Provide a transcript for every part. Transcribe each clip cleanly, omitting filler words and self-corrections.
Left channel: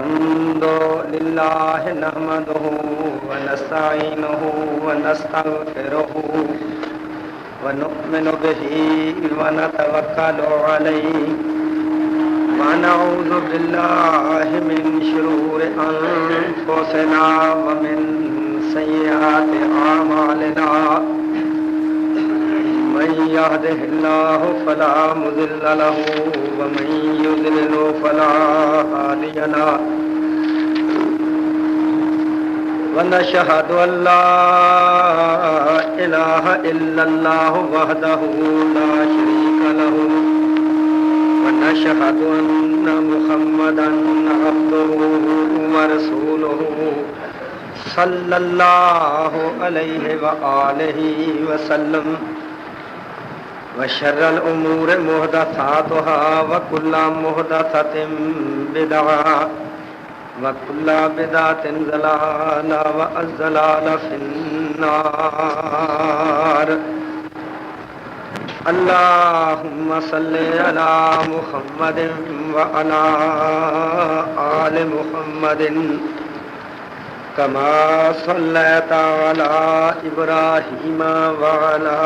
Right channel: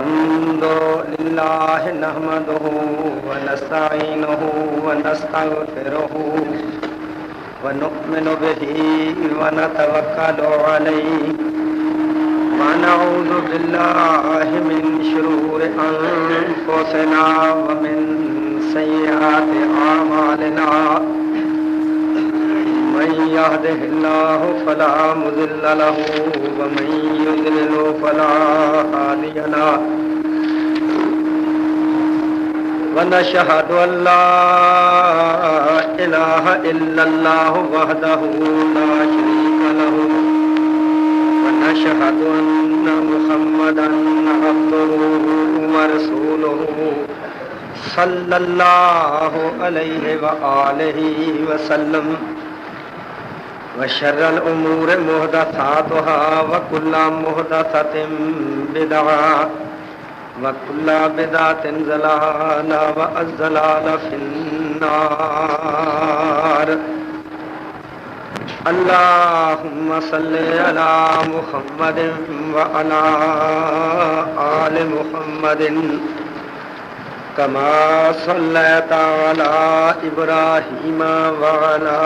الحمد لله نحمده ونستعينه ونستغفره ونؤمن به ونتوكل عليه ونعوذ بالله من شرور أنفسنا ومن سيئات أعمالنا من يهده الله فلا مضل له ومن يضلل فلا هادي له ونشهد أن لا إله إلا الله وحده لا شريك له ونشهد أن محمدا عبده ورسوله صلى الله عليه وآله وسلم وشر الأمور محدثاتها وكل محدثة بدعة وكل بدعة ضلالة والضلالة في النار. اللهم صل على محمد وعلى آل محمد كما صليت على إبراهيم وعلى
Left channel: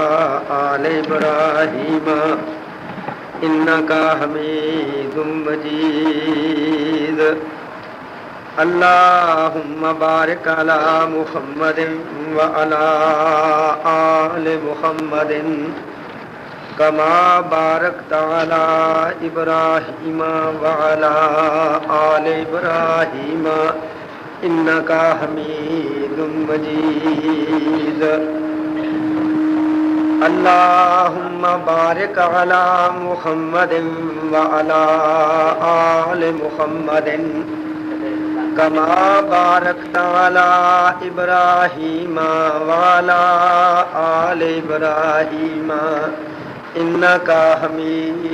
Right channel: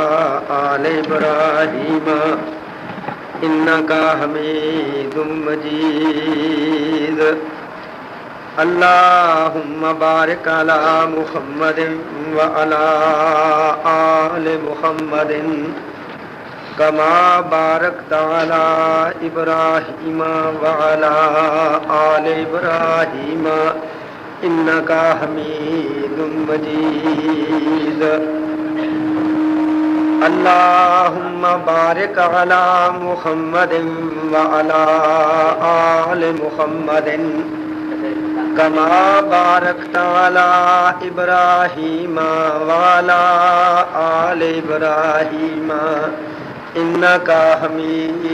آل إبراهيم إنك حميد مجيد. اللهم بارك على محمد وعلى آل محمد كما باركت على إبراهيم وعلى آل إبراهيم إنك حميد مجيد. اللهم بارك على محمد وعلى آل محمد كما باركت على إبراهيم وعلى آل إبراهيم إنك حميد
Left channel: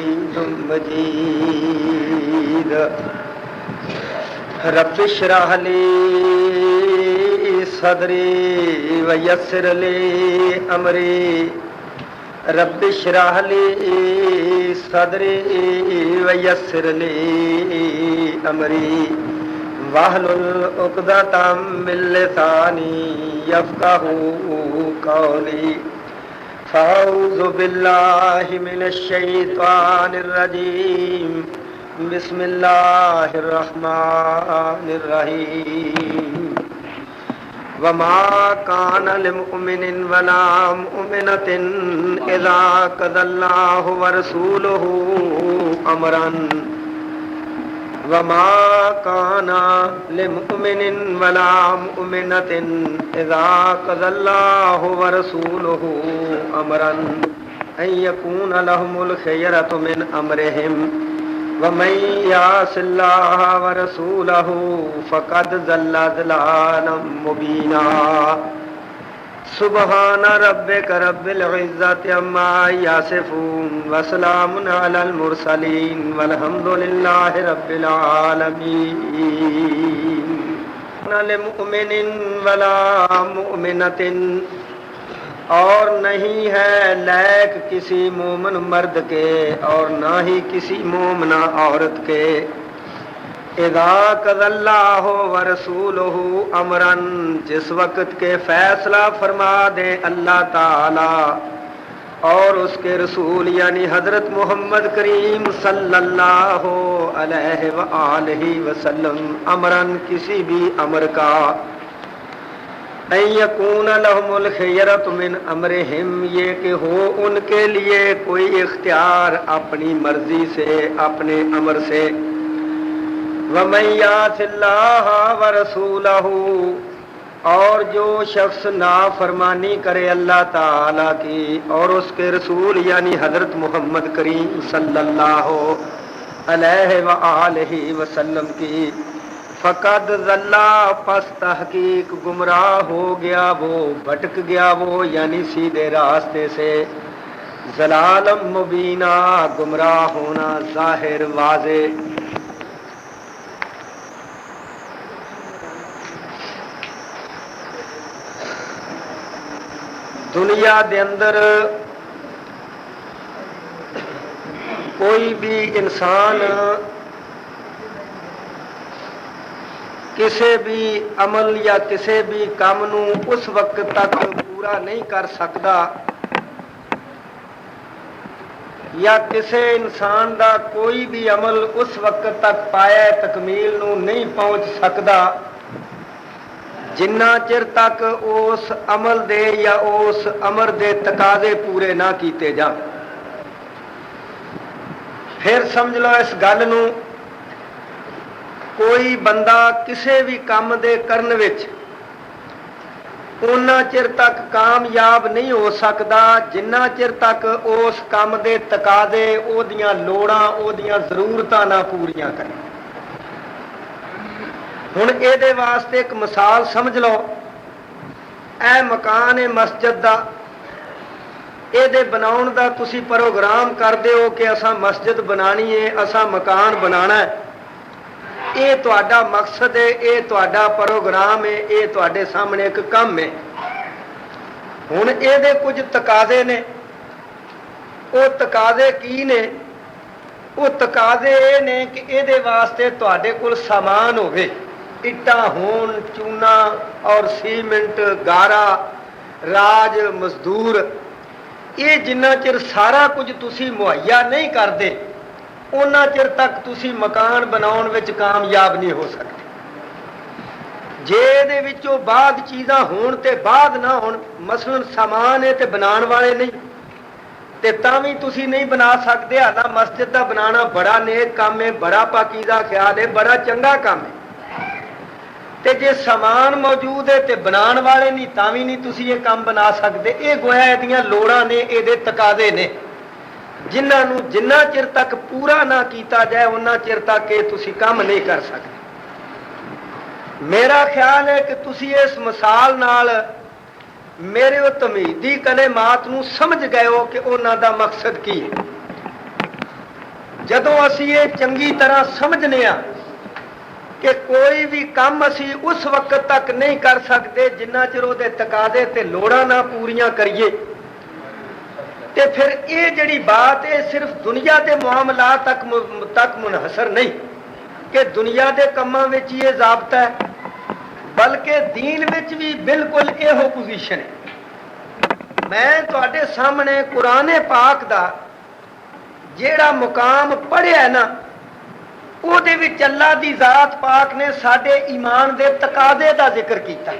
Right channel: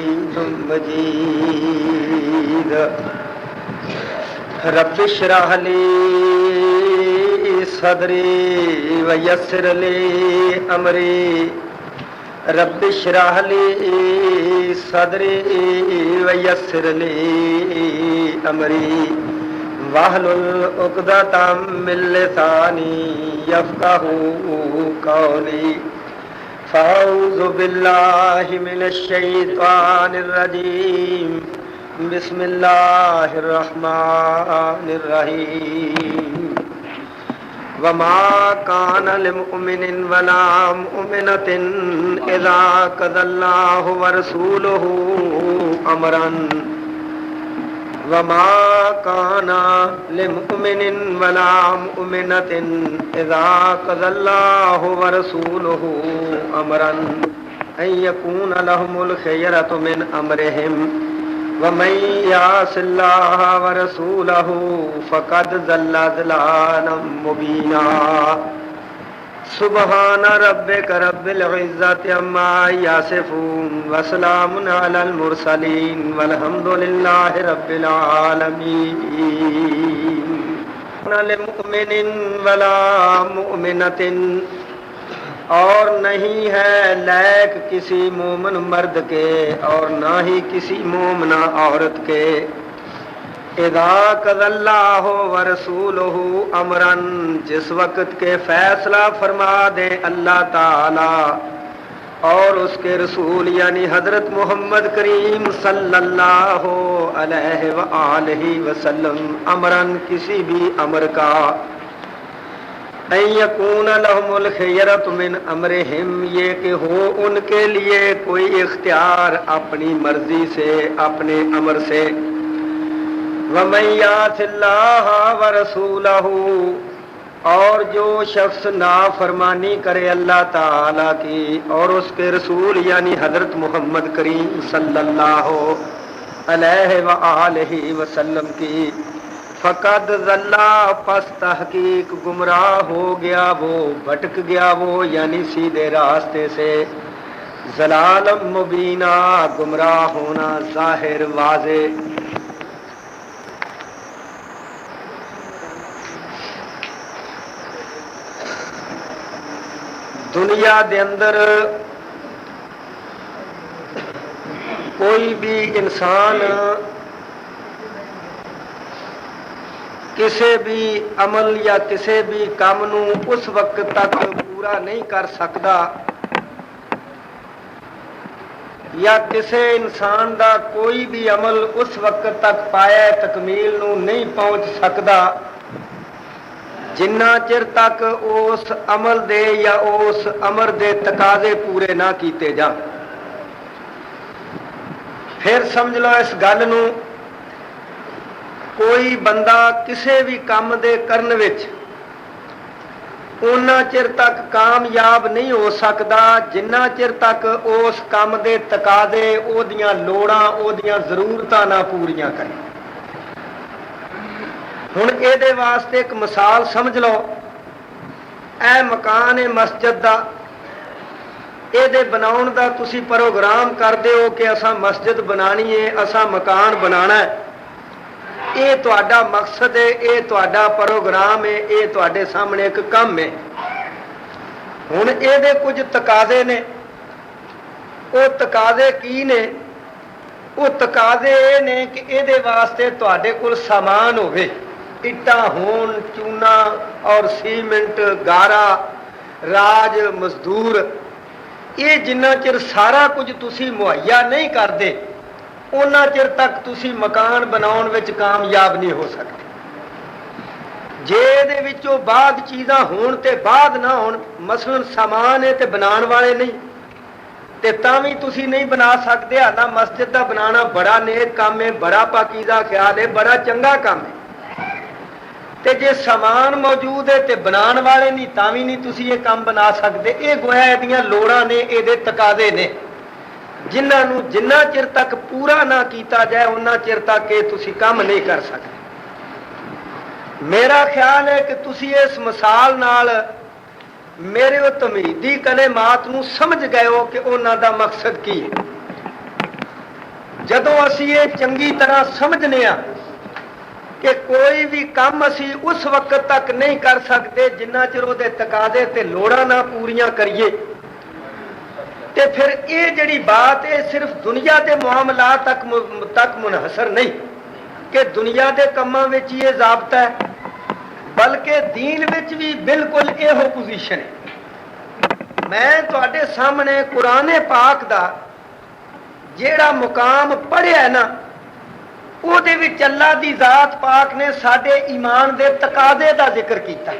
مجيد. رب اشرح لي صدري ويسر لي أمري رب اشرح لي صدري ويسر لي أمري واحلل عقدة من لساني يفقهوا قولي. فأعوذ بالله من الشيطان الرجيم. بسم الله الرحمن الرحيم. وما كان لمؤمن ولا مؤمنة إذا قضى الله ورسوله أمرا وما كان لمؤمن ولا مؤمنة إذا قضى الله ورسوله أمرا أن يكون لهم الخيرة من أمرهم ومن يعص الله ورسوله فقد ضل ضلالا مبينا. سبحان ربك رب العزة عما يصفون وسلام على المرسلين والحمد لله رب العالمين. لمؤمن ولا مؤمنة اور نہیں ہے نیک کسی مومن مرد کے اور نہ ہی کسی مومنہ عورت کے. اذا قضى اللہ ورسولہ امرا جس وقت کے فیصلہ فرما دے اللہ تعالی اور اس کے رسول یعنی حضرت محمد کریم صلی اللہ علیہ وآلہ وسلم امرا کسی بھی امر کا ان یکون لہم الخیرۃ من امرہم یہ کہ ہو ان کے لیے کوئی اختیار اپنی مرضی سے اپنے امر سے. ومن یعص اللہ ورسولہ اور جو شخص نافرمانی کرے اللہ تعالی کی اور اس کے رسول یعنی حضرت محمد کریم صلی اللہ علیہ وآلہ وسلم کی فقد ضل پس تحقیق گمراہ ہو گیا وہ بھٹک گیا وہ یعنی سیدھے راستے سے. ضلالم مبینہ گمراہ ہونا ظاہر واضح. دنیا دے اندر کوئی بھی انسان ਕਿਸੇ ਵੀ ਅਮਲ ਜਾਂ ਕਿਸੇ ਵੀ ਕੰਮ ਨੂੰ ਉਸ ਵਕਤ ਤੱਕ ਪੂਰਾ ਨਹੀਂ ਕਰ ਸਕਦਾ, ਜਾਂ ਕਿਸੇ ਇਨਸਾਨ ਦਾ ਕੋਈ ਵੀ ਅਮਲ ਉਸ ਵਕਤ ਤੱਕ ਪਾਇਆ ਤਕਮੀਲ ਨੂੰ ਨਹੀਂ ਪਹੁੰਚ ਸਕਦਾ ਜਿੰਨਾ ਚਿਰ ਤੱਕ ਉਸ ਅਮਲ ਦੇ ਜਾਂ ਉਸ ਅਮਰ ਦੇ ਤਕਾਜ਼ੇ ਪੂਰੇ ਨਾ ਕੀਤੇ ਜਾਣ। ਫਿਰ ਸਮਝ ਲਓ ਇਸ ਗੱਲ ਨੂੰ, ਕੋਈ ਬੰਦਾ ਕਿਸੇ ਵੀ ਕੰਮ ਦੇ ਕਰਨ ਵਿੱਚ ਉਹਨਾਂ ਚਿਰ ਤੱਕ ਕਾਮਯਾਬ ਨਹੀਂ ਹੋ ਸਕਦਾ ਜਿੰਨਾ ਚਿਰ ਤੱਕ ਉਸ ਕੰਮ ਦੇ ਤਕਾਜ਼ੇ, ਉਹਦੀਆਂ ਲੋੜਾਂ, ਉਹਦੀਆਂ ਜ਼ਰੂਰਤਾਂ ਨਾ ਪੂਰੀਆਂ ਕਰੇ। ਹੁਣ ਇਹਦੇ ਵਾਸਤੇ ਇੱਕ ਮਿਸਾਲ ਸਮਝ ਲਓ, ਇਹ ਮਕਾਨ ਹੈ ਮਸਜਿਦ ਦਾ, ਇਹਦੇ ਬਣਾਉਣ ਦਾ ਤੁਸੀਂ ਪ੍ਰੋਗਰਾਮ ਕਰਦੇ ਹੋ ਕਿ ਅਸਾਂ ਮਸਜਿਦ ਬਣਾਣੀ ਹੈ, ਅਸਾਂ ਮਕਾਨ ਬਣਾਉਣਾ ਹੈ। ਇਹ ਤੁਹਾਡਾ ਮਕਸਦ ਹੈ, ਇਹ ਤੁਹਾਡਾ ਪ੍ਰੋਗਰਾਮ ਹੈ, ਇਹ ਤੁਹਾਡੇ ਸਾਹਮਣੇ ਇੱਕ ਕੰਮ ਹੈ। ਹੁਣ ਇਹਦੇ ਕੁਝ ਤਕਾਜ਼ੇ ਨੇ। ਉਹ ਤਕਾਜ਼ੇ ਕੀ ਨੇ? ਉਹ ਤਕਾਜ਼ੇ ਇਹ ਨੇ ਕਿ ਇਹਦੇ ਵਾਸਤੇ ਤੁਹਾਡੇ ਕੋਲ ਸਾਮਾਨ ਹੋਵੇ, ਇੱਟਾਂ ਹੋਣ, ਚੂਨਾ ਔਰ ਸੀਮੈਂਟ, ਗਾਰਾ, ਰਾਜ, ਮਜ਼ਦੂਰ। ਇਹ ਜਿੰਨਾ ਚਿਰ ਸਾਰਾ ਕੁਝ ਤੁਸੀਂ ਮੁਹੱਈਆ ਨਹੀਂ ਕਰਦੇ ਉਹਨਾਂ ਚਿਰ ਤੱਕ ਤੁਸੀਂ ਮਕਾਨ ਬਣਾਉਣ ਵਿੱਚ ਕਾਮਯਾਬ ਨਹੀਂ ਹੋ ਸਕਦੇ। ਜੇ ਇਹਦੇ ਵਿੱਚੋਂ ਬਾਅਦ ਚੀਜ਼ਾਂ ਹੋਣ ਤੇ ਬਾਅਦ ਨਾ ਹੋਣ, ਮਸਲਨ ਸਾਮਾਨ ਹੈ ਤੇ ਬਣਾਉਣ ਵਾਲੇ ਨਹੀਂ, ਤੇ ਤਾਂ ਵੀ ਤੁਸੀਂ ਨਹੀਂ ਬਣਾ ਸਕਦੇ। ਹਾਲਾਂ ਮਸਜਿਦ ਦਾ ਬਣਾਉਣਾ ਬੜਾ ਨੇਕ ਕੰਮ ਹੈ, ਬੜਾ ਪਾਕੀਜ਼ਾ ਖਿਆਲ ਹੈ, ਬੜਾ ਚੰਗਾ ਕੰਮ ਹੈ, ਤੇ ਜੇ ਸਾਮਾਨ ਮੌਜੂਦ ਹੈ ਤੇ ਬਣਾਉਣ ਵਾਲੇ ਨਹੀਂ, ਤਾਂ ਵੀ ਨਹੀਂ ਤੁਸੀਂ ਇਹ ਕੰਮ ਬਣਾ ਸਕਦੇ। ਇਹ ਗੋਇਆ ਇਹਦੀਆਂ ਲੋੜਾਂ ਨੇ, ਇਹਦੇ ਤਕਾਜ਼ੇ ਨੇ, ਜਿਨ੍ਹਾਂ ਨੂੰ ਜਿੰਨਾ ਚਿਰ ਤੱਕ ਪੂਰਾ ਨਾ ਕੀਤਾ ਜਾਏ ਉਹਨਾਂ ਚਿਰ ਤੱਕ ਇਹ ਤੁਸੀਂ ਕੰਮ ਨਹੀਂ ਕਰ ਸਕਦੇ। ਮੇਰਾ ਖਿਆਲ ਹੈ ਕਿ ਤੁਸੀਂ ਇਸ ਮਿਸਾਲ ਨਾਲ ਮੇਰੇ ਉਹ ਤਮਹੀਦੀ ਕਲਮਾਤ ਨੂੰ ਸਮਝ ਗਏ ਹੋ ਕਿ ਉਹਨਾਂ ਦਾ ਮਕਸਦ ਕੀ ਹੈ। ਜਦੋਂ ਅਸੀਂ ਇਹ ਚੰਗੀ ਤਰ੍ਹਾਂ ਸਮਝਨੇ ਆ ਕਿ ਕੋਈ ਵੀ ਕੰਮ ਅਸੀਂ ਉਸ ਵਕਤ ਤੱਕ ਨਹੀਂ ਕਰ ਸਕਦੇ ਜਿੰਨਾ ਚਿਰ ਉਹਦੇ ਤਕਾਜ਼ੇ ਤੇ ਲੋੜਾਂ ਨਾ ਪੂਰੀਆਂ ਕਰੀਏ, ਤੇ ਫਿਰ ਇਹ ਜਿਹੜੀ ਬਾਤ ਹੈ ਸਿਰਫ ਦੁਨੀਆ ਦੇ ਮਾਮਲਾਤ ਤੱਕ ਮੁਨਹਸਰ ਨਹੀਂ ਕਿ ਦੁਨੀਆ ਦੇ ਕੰਮਾਂ ਵਿੱਚ ਇਹ ਜ਼ਾਬਤਾ ਹੈ, ਬਲਕਿ ਦੀਨ ਵਿੱਚ ਵੀ ਬਿਲਕੁਲ ਇਹੋ ਪੋਜੀਸ਼ਨ ਹੈ। ਮੈਂ ਤੁਹਾਡੇ ਸਾਹਮਣੇ ਕੁਰਾਨ ਪਾਕ ਦਾ ਜਿਹੜਾ ਮੁਕਾਮ ਪੜ੍ਹਿਆ ਨਾ, ਉਹਦੇ ਵਿੱਚ ਅੱਲਾ ਦੀ ਜ਼ਾਤ ਪਾਕ ਨੇ ਸਾਡੇ ਈਮਾਨ ਦੇ ਤਕਾਜ਼ੇ ਦਾ ਜ਼ਿਕਰ ਕੀਤਾ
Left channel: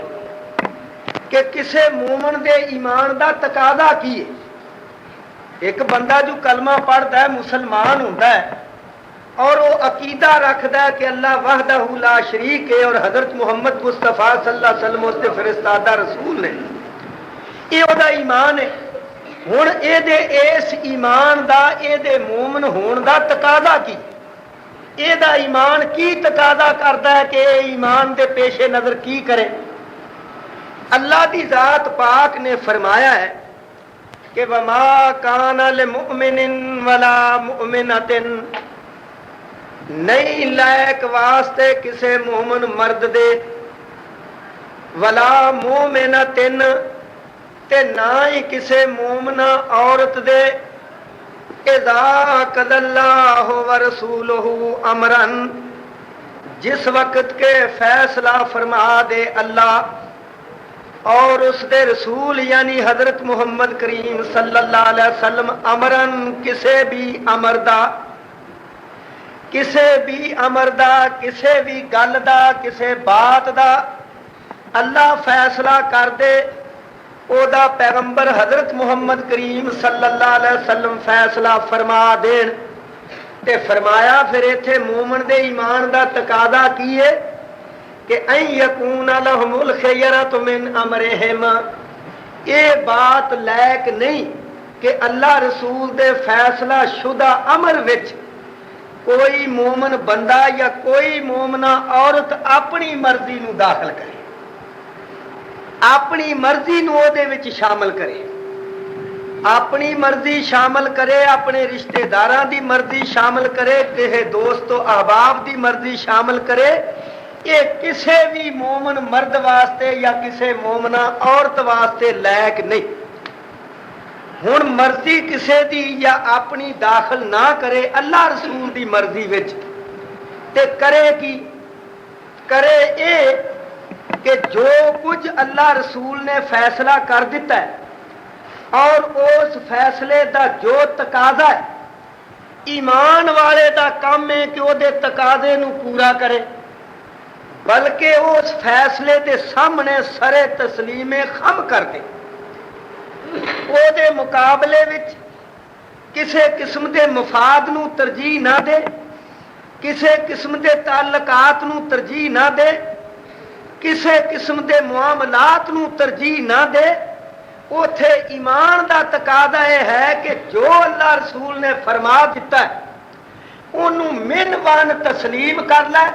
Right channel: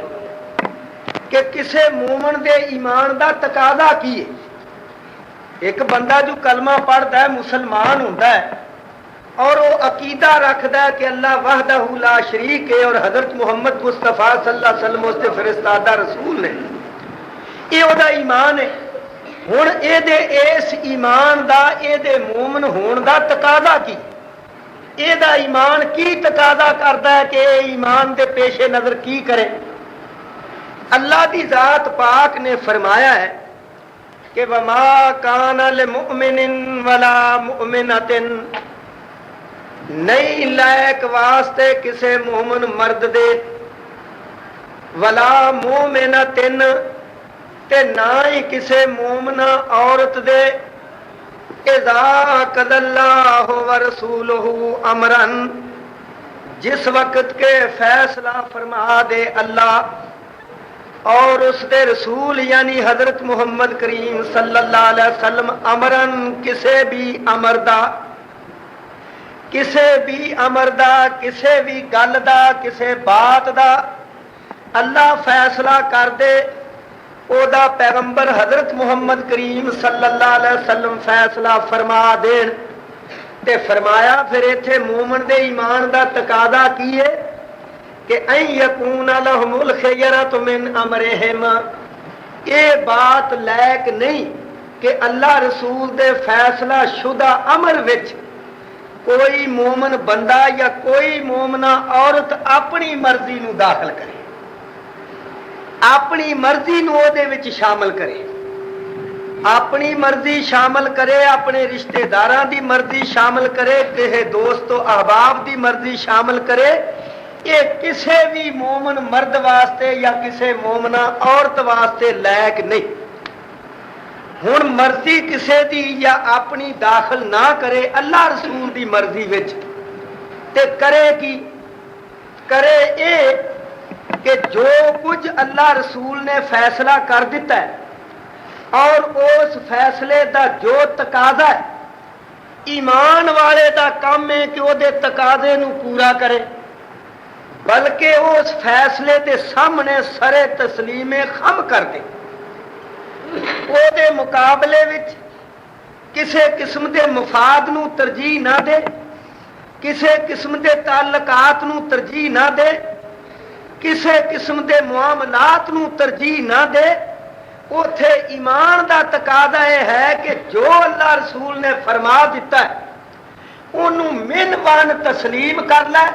ਕਿ ਕਿਸੇ ਮੂਮਨ ਦੇ ਈਮਾਨ ਦਾ ਤਕਾਜ਼ਾ ਕੀ ਹੈ। ਇੱਕ ਬੰਦਾ ਜੋ ਕਲਮਾ ਪੜ੍ਹਦਾ ਹੈ, ਮੁਸਲਮਾਨ ਹੁੰਦਾ ਹੈ, اور وہ عقیدہ رکھتا ہے کہ اللہ وحدہ لا شریک ہے اور حضرت محمد مصطفیٰ صلی اللہ علیہ وسلم اس کے فرستادہ رسول نے، یہ وہ ایمان ہے۔ ہن اے دے اس ایمان دا اے دے مومن ہون دا تقاضا کی، اے دا ایمان کی تقاضا کرتا ہے کہ اے ایمان دے پیش نظر کی کرے؟ اللہ دی ذات پاک نے فرمایا ہے کہ وَمَا كَانَ لِمُؤْمِنٍ وَلَا مُؤْمِنَةٍ، نہیں لائق واسطے کسے مومن مرد دے، ولا مومنتن تے نہ ہی کسے مومنہ عورت دے، اذا قضى اللہ ورسولہ امرا، جس وقت کے فیصلہ فرما دے اللہ اور اس دے رسول یعنی حضرت محمد کریم صلی اللہ علیہ وسلم امرن کسے بھی امر دا، کسے بھی امر دا، کسے بھی گل دا، کسے بات دا اللہ فیصلہ کر دے، او دا پیغمبر حضرت محمد کریم صلی اللہ علیہ وسلم فیصلہ فرما دین، تے فرمایا پھر ایتھے مومن دے ایمان دا تقاضا کی ہے کہ ان یکون لہم الخیرۃ من امرہم، یہ بات لائق نہیں کہ اللہ رسول دے فیصلہ شدہ امر وچ کوئی مومن بندہ یا کوئی مومنہ عورت اپنی مرضی نو داخل کرے، اپنی مرضی نو دے وچ شامل کرے، اپنی مرضی شامل کرے، اپنے رشتہ داراں دی مرضی شامل کرے، کہے دوست و احباب دی مرضی شامل کرے، یہ کسے بھی مومن مرد واسطے یا کسے مومنہ عورت واسطے لائق نہیں۔ ہن مرضی کسے دی یا اپنی داخل نہ کرے اللہ رسول دی مرضی وچ، تے کرے کی؟ کرے یہ کہ جو کچھ اللہ رسول نے فیصلہ کر دیتا ہے اور اس فیصلے دا جو تقاضا ہے ایمان والے دا کام ہے کہ وہ دے تقاضے نو پورا کرے، بلکہ اس فیصلے دے سامنے سرے تسلیم خم کر دے، وہ دے مقابلے وچ کسے قسم دے مفاد نو ترجیح نہ دے، کسے قسم دے تعلقات نو ترجیح نہ دے، کسے قسم دے معاملات نو ترجیح نہ دے۔ اوتھے ایمان دا تقاضا یہ ہے کہ جو اللہ رسول نے فرما دیتا ہے انہوں من وان تسلیم کر لے،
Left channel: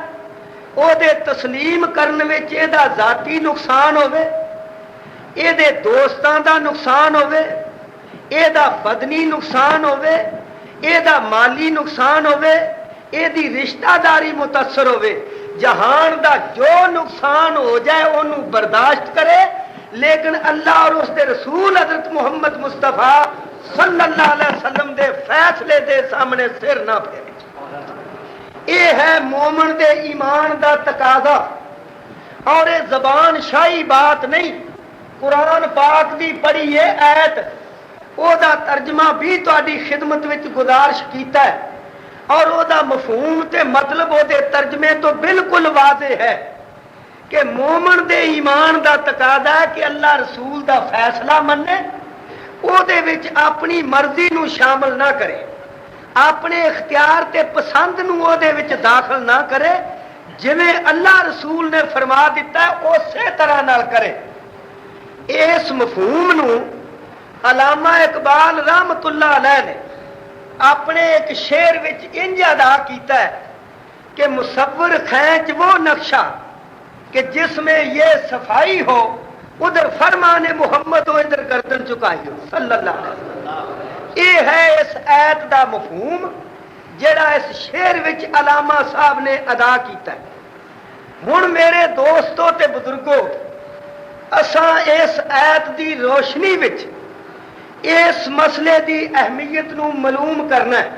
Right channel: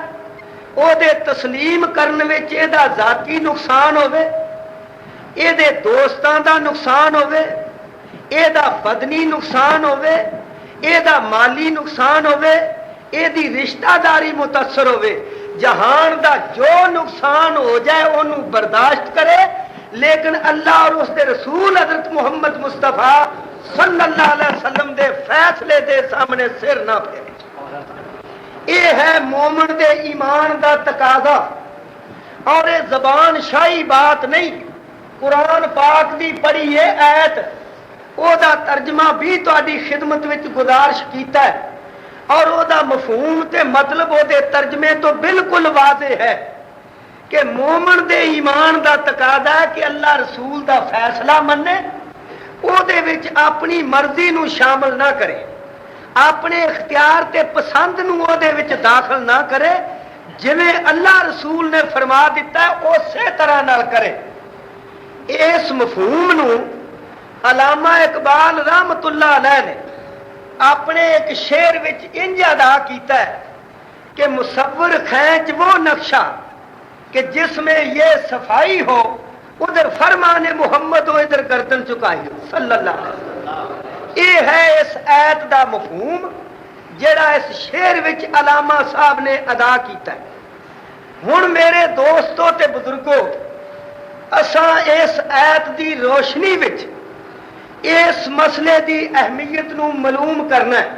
او دے تسلیم کرنے وچ اے دا ذاتی نقصان ہوئے، اے دے دوستاں دا نقصان ہوئے، اے دا بدنی نقصان ہوئے، اے دا مالی نقصان ہوئے، اے دی رشتہ داری متاثر ہوئے، جہان دا جو نقصان ہو جائے انہوں برداشت کرے، لیکن اللہ اور اس دے رسول حضرت محمد مصطفیٰ صلی اللہ علیہ وسلم دے فیصلے دے سامنے سر نہ پھیرے۔ یہ ہے مومن دے ایمان دا تقاضا، اور یہ زبان شاہی بات نہیں۔ قرآن پاک دی پڑھی ہے آیت، او دا ترجمہ بھی تہاڈی خدمت وچ گزارش کیتا ہے، اور او دا مفہوم تے مطلب او دے ترجمے تو بالکل واضح ہے کہ مومن دے ایمان دا تقاضا ہے کہ اللہ رسول دا فیصلہ منے، او دے وچ اپنی مرضی نو شامل نہ کرے، اپنے اختیار تے پسند نو او دے وچ داخل نہ کرے، جویں اللہ رسول نے فرما دیتا ہے اسی طرح نال کرے۔ اس مفہوم نو علامہ اقبال رحمت اللہ علیہ نے اپنے ایک شعر وچ انج ادا کیتا ہے کہ مصور کھینچ وہ نقشہ کہ جس میں یہ صفائی ہو، ادھر فرمان محمد ہو ادھر گردن چکائی ہو صلی اللہ علیہ وسلم۔ یہ ہے اس آیت دا مفہوم جڑا اس شعر وچ علامہ صاحب نے ادا کیتا ہے۔ ہن میرے دوستو تے بزرگو، اساں اس آیت دی روشنی وچ اس مسئلے دی اہمیت نو معلوم کرنا ہے۔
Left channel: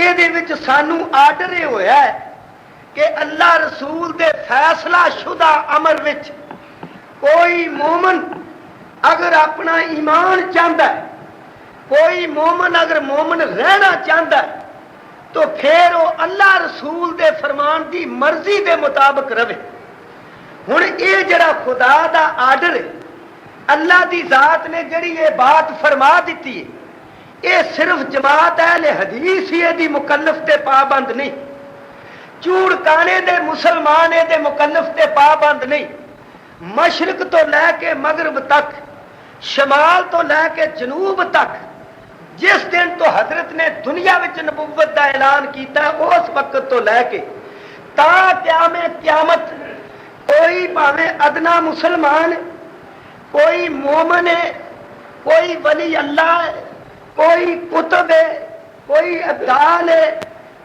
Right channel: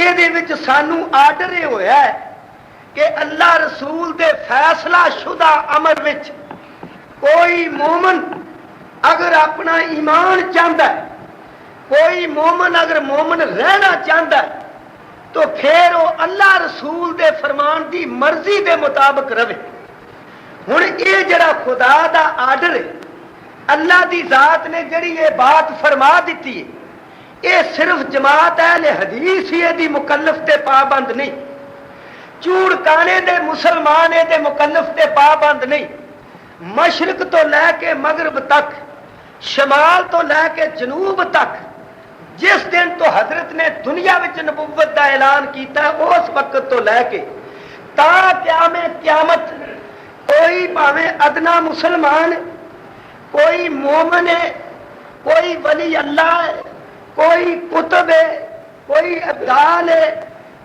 یہ دے وچ سانو آرڈر یہ ہویا ہے کہ اللہ رسول دے فیصلہ شدہ امر وچ کوئی مومن اگر اپنا ایمان چاہتا ہے، کوئی مومن اگر مومن رہنا چاہتا ہے، تو پھر وہ اللہ رسول دے فرمان دی مرضی دے مطابق رہے۔ ہن یہ جڑا خدا دا آرڈر ہے، اللہ دی ذات نے جڑی یہ بات فرما دیتی ہے، یہ صرف جماعت اہل حدیث ہی دی مکلف تے پابند نہیں، چوڑ کانے دے مسلمان دے مکلف تے پابند نہیں۔ مشرق تو لے کے مغرب تک، شمال تو لے کے جنوب تک، جس دن تو حضرت نے دنیا وچ نبوت دا اعلان کیتا ہے اس وقت تو لے کے تا قیامت کوئی پاویں ادنا مسلمان، کوئی مومن ہے، کوئی ولی اللہ ہے، کوئی کتب ہے، کوئی ابدال ہے،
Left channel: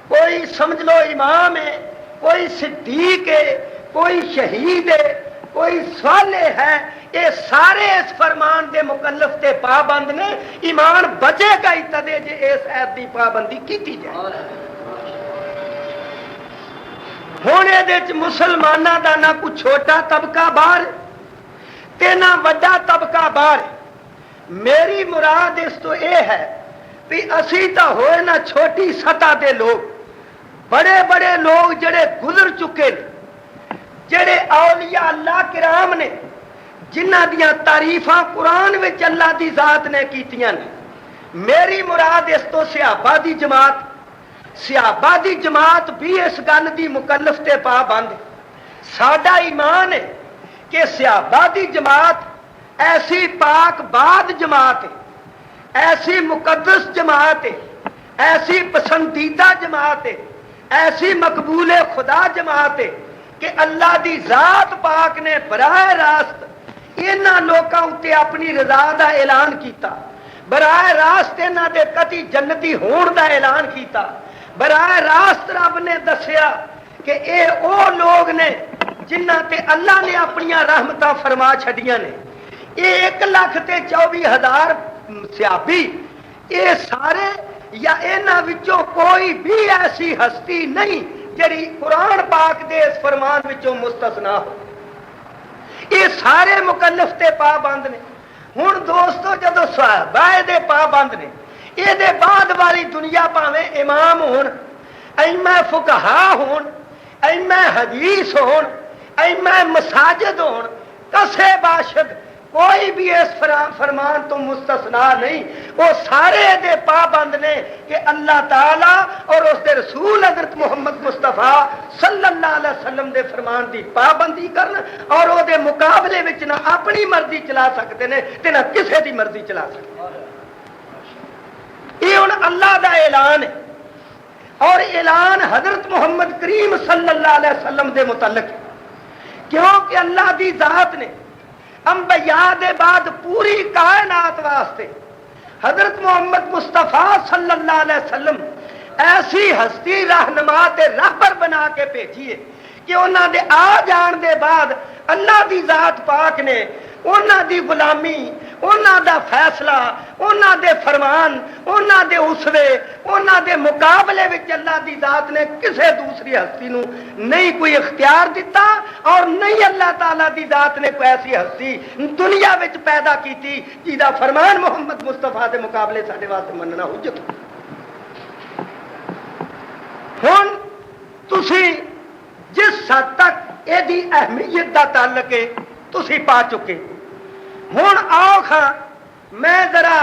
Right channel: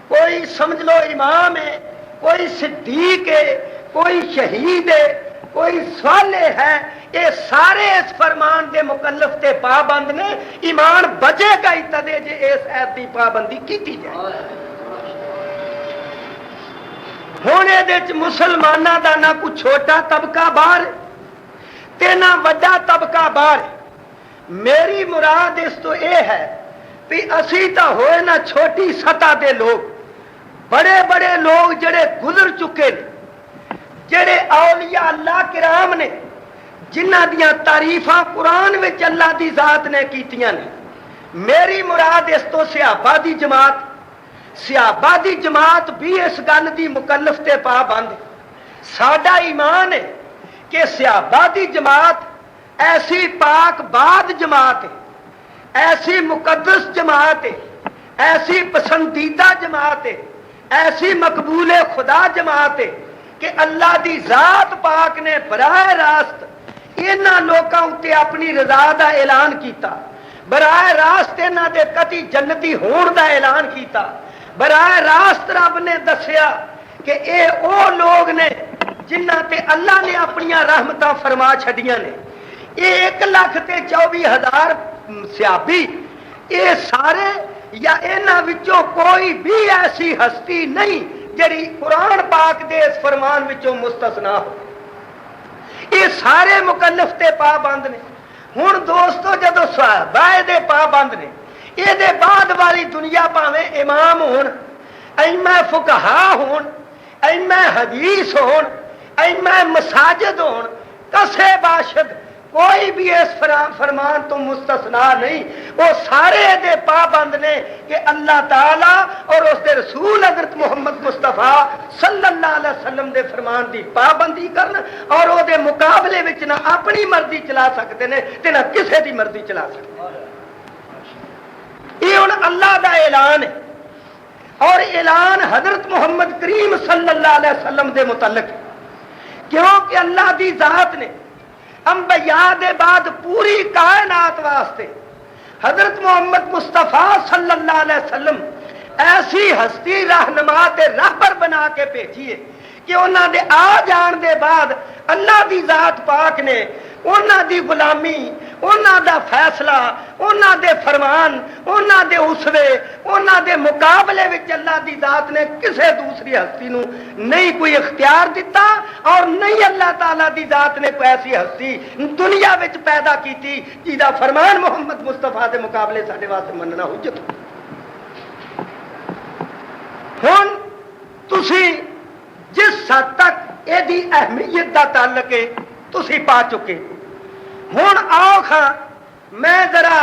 کوئی سمجھ لو امام ہے، کوئی صدیق ہے، کوئی شہید ہے، کوئی صالح ہے، یہ سارے اس فرمان دے مکلف تے پابند نے۔ ایمان بچے گا ہی تدے جے اس ایت دی پابندی کیتی جائے۔ ہن یہ مسلمانوں دا نہ کوئی چھوٹا طبقہ باہر تے نہ وڈا طبقہ باہر۔ میری مراد اس تو یہ ہے کہ اسی تا ہوئے نہ چھوٹی سطح دے لوگ، بڑے بڑے لوگ جڑے گزر چکے، جڑے اولیاء اللہ کرام نے، جنہ دیاں تعریفاں قرآن وچ اللہ دی ذات نے کیتیاں نے۔ میری مراد اس تو صحابہ دی جماعت، صحابہ دی جماعت بھی اس گل دی مکلف تے پابند۔ ساڈا ایمان ہے کہ صحابہ دی جماعت ایسی پاک باد جماعت ہے، ایسی مقدس جماعت ہے، ایسی پسندیدہ جماعت ہے، ایسی مقبول خدا جماعت ہے کہ اللہ دی ذات پاک نے براہ راست انہاں لوکاں اتے اپنی رضا دا اعلان کیتا، براہ راست انہاں دے قطعی جنتی ہون دا اعلان کیتا، براہ راست رب نے دسیا کہ اے او لوگ نے جنہ تے اللہ نے اپنی رحمتاں فرما چھڈیاں نے۔ یہ 1,24,000 صحابی، یہ سارے یا انہاں وچوں کوئی بھی ایسی ہستی نہیں جڑی قرآن پاک دے اس فرمان وچوں مستثنا ہو. یہ سارے مکلف تے پابند نے. ہن دوستو جدو صحابہ دے پابند نے یہ دے بعد والی دنیا پاویں امام ہون ائمہ فقہا ہون ائمہ حدیث ہون ائمہ مساجد ہون کسے باشد کوئی بھی اس فرمان تو مستثنا نہیں. وہ سارے دے پابند نے کہ اللہ تعالی اور اس دے رسول حضرت محمد مصطفیٰ صلی اللہ علیہ وسلم دے فرمان دی پابندی کرن اور وہ دے مقابلے وچ نہ اپنی مرضی چلا سکتے ہیں تے نہ کسے دی مرضی چلا سکتے. یہ ہن اللہ دا اعلان ہے اور اعلان حضرت محمد کریم صلی اللہ علیہ وسلم دے متعلق کیونکہ اللہ دی ذات نے انبیاء دے بعد پوری کائنات واسطے حضرت محمد مصطفیٰ صلی اللہ علیہ وسلم ایسی ہستی رہنما تے رہبر بنا کے بھیجی ہے کہ انہاں دے آ جان دے بعد اللہ دی ذات پاک نے انہاں دی غلامی انہاں دا فیصلہ انہاں دے فرمان انہاں دے اسوے انہاں دے مقابلے وچ اللہ دی ذات نے کسے دوسری ہستی نو نہیں کوئی اختیار دیتا اور نہیں اللہ تعالیٰ دی ذات نے کوئی ایسی ہستی دنیا وچ پیدا کیتی جیدا فرمان محمد مصطفیٰ دے مقابلے ساڈے واسطے مننا حجت. ہن تسی جس حد تک یہ دی اہمیت دا تعلق ہے تسی پا چکے. ہن آؤ خاں میں ذرا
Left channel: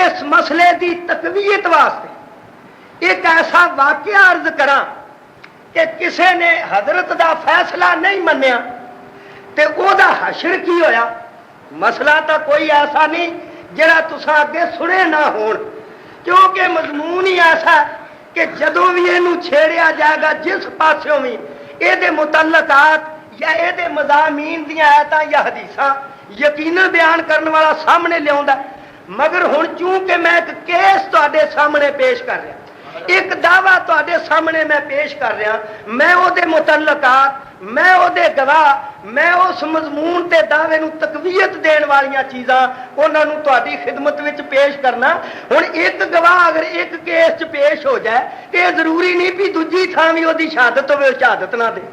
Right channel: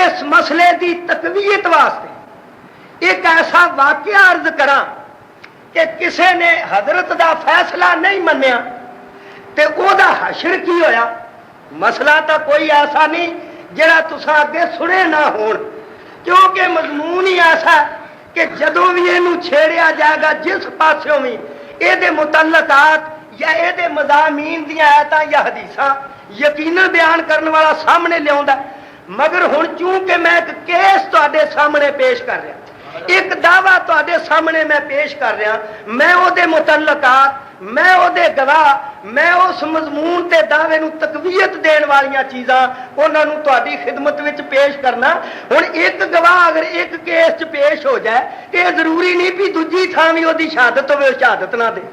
اس مسئلے دی تقویت واسطے ایک ایسا واقعہ عرض کراں کہ کسے نے حضرت دا فیصلہ نہیں منیا تے او دا حشر کی ہویا. مسئلہ تا کوئی ایسا نہیں جڑا تساں اگے سنے نہ ہون کیونکہ مضمون ہی ایسا کہ جدوں بھی اینو چھیڑیا جائے گا جس پاسوں بھی اے دے متعلقات یا اے دے مضامین دیاں آیتاں یا حدیثاں یقیناً بیان کرنے والا سامنے لیا. مگر ہن چونکہ میں ایک کیس تواڈے سامنے پیش کر رہا ایک دعویٰ تواڈے سامنے میں پیش کر رہا میں او دے متعلقات میں او دے گواہ میں اس مضمون تے دعوے نو تقویت دین والیاں چیزاں انہاں نو تواڈی خدمت وچ پیش کرنا. ہن ایک گواہ اگر ایک کیس چ پیش ہو جائے یہ ضروری نہیں بھی دوجی تھاں وی او دی شہادت ہوے شہادت نہ دے.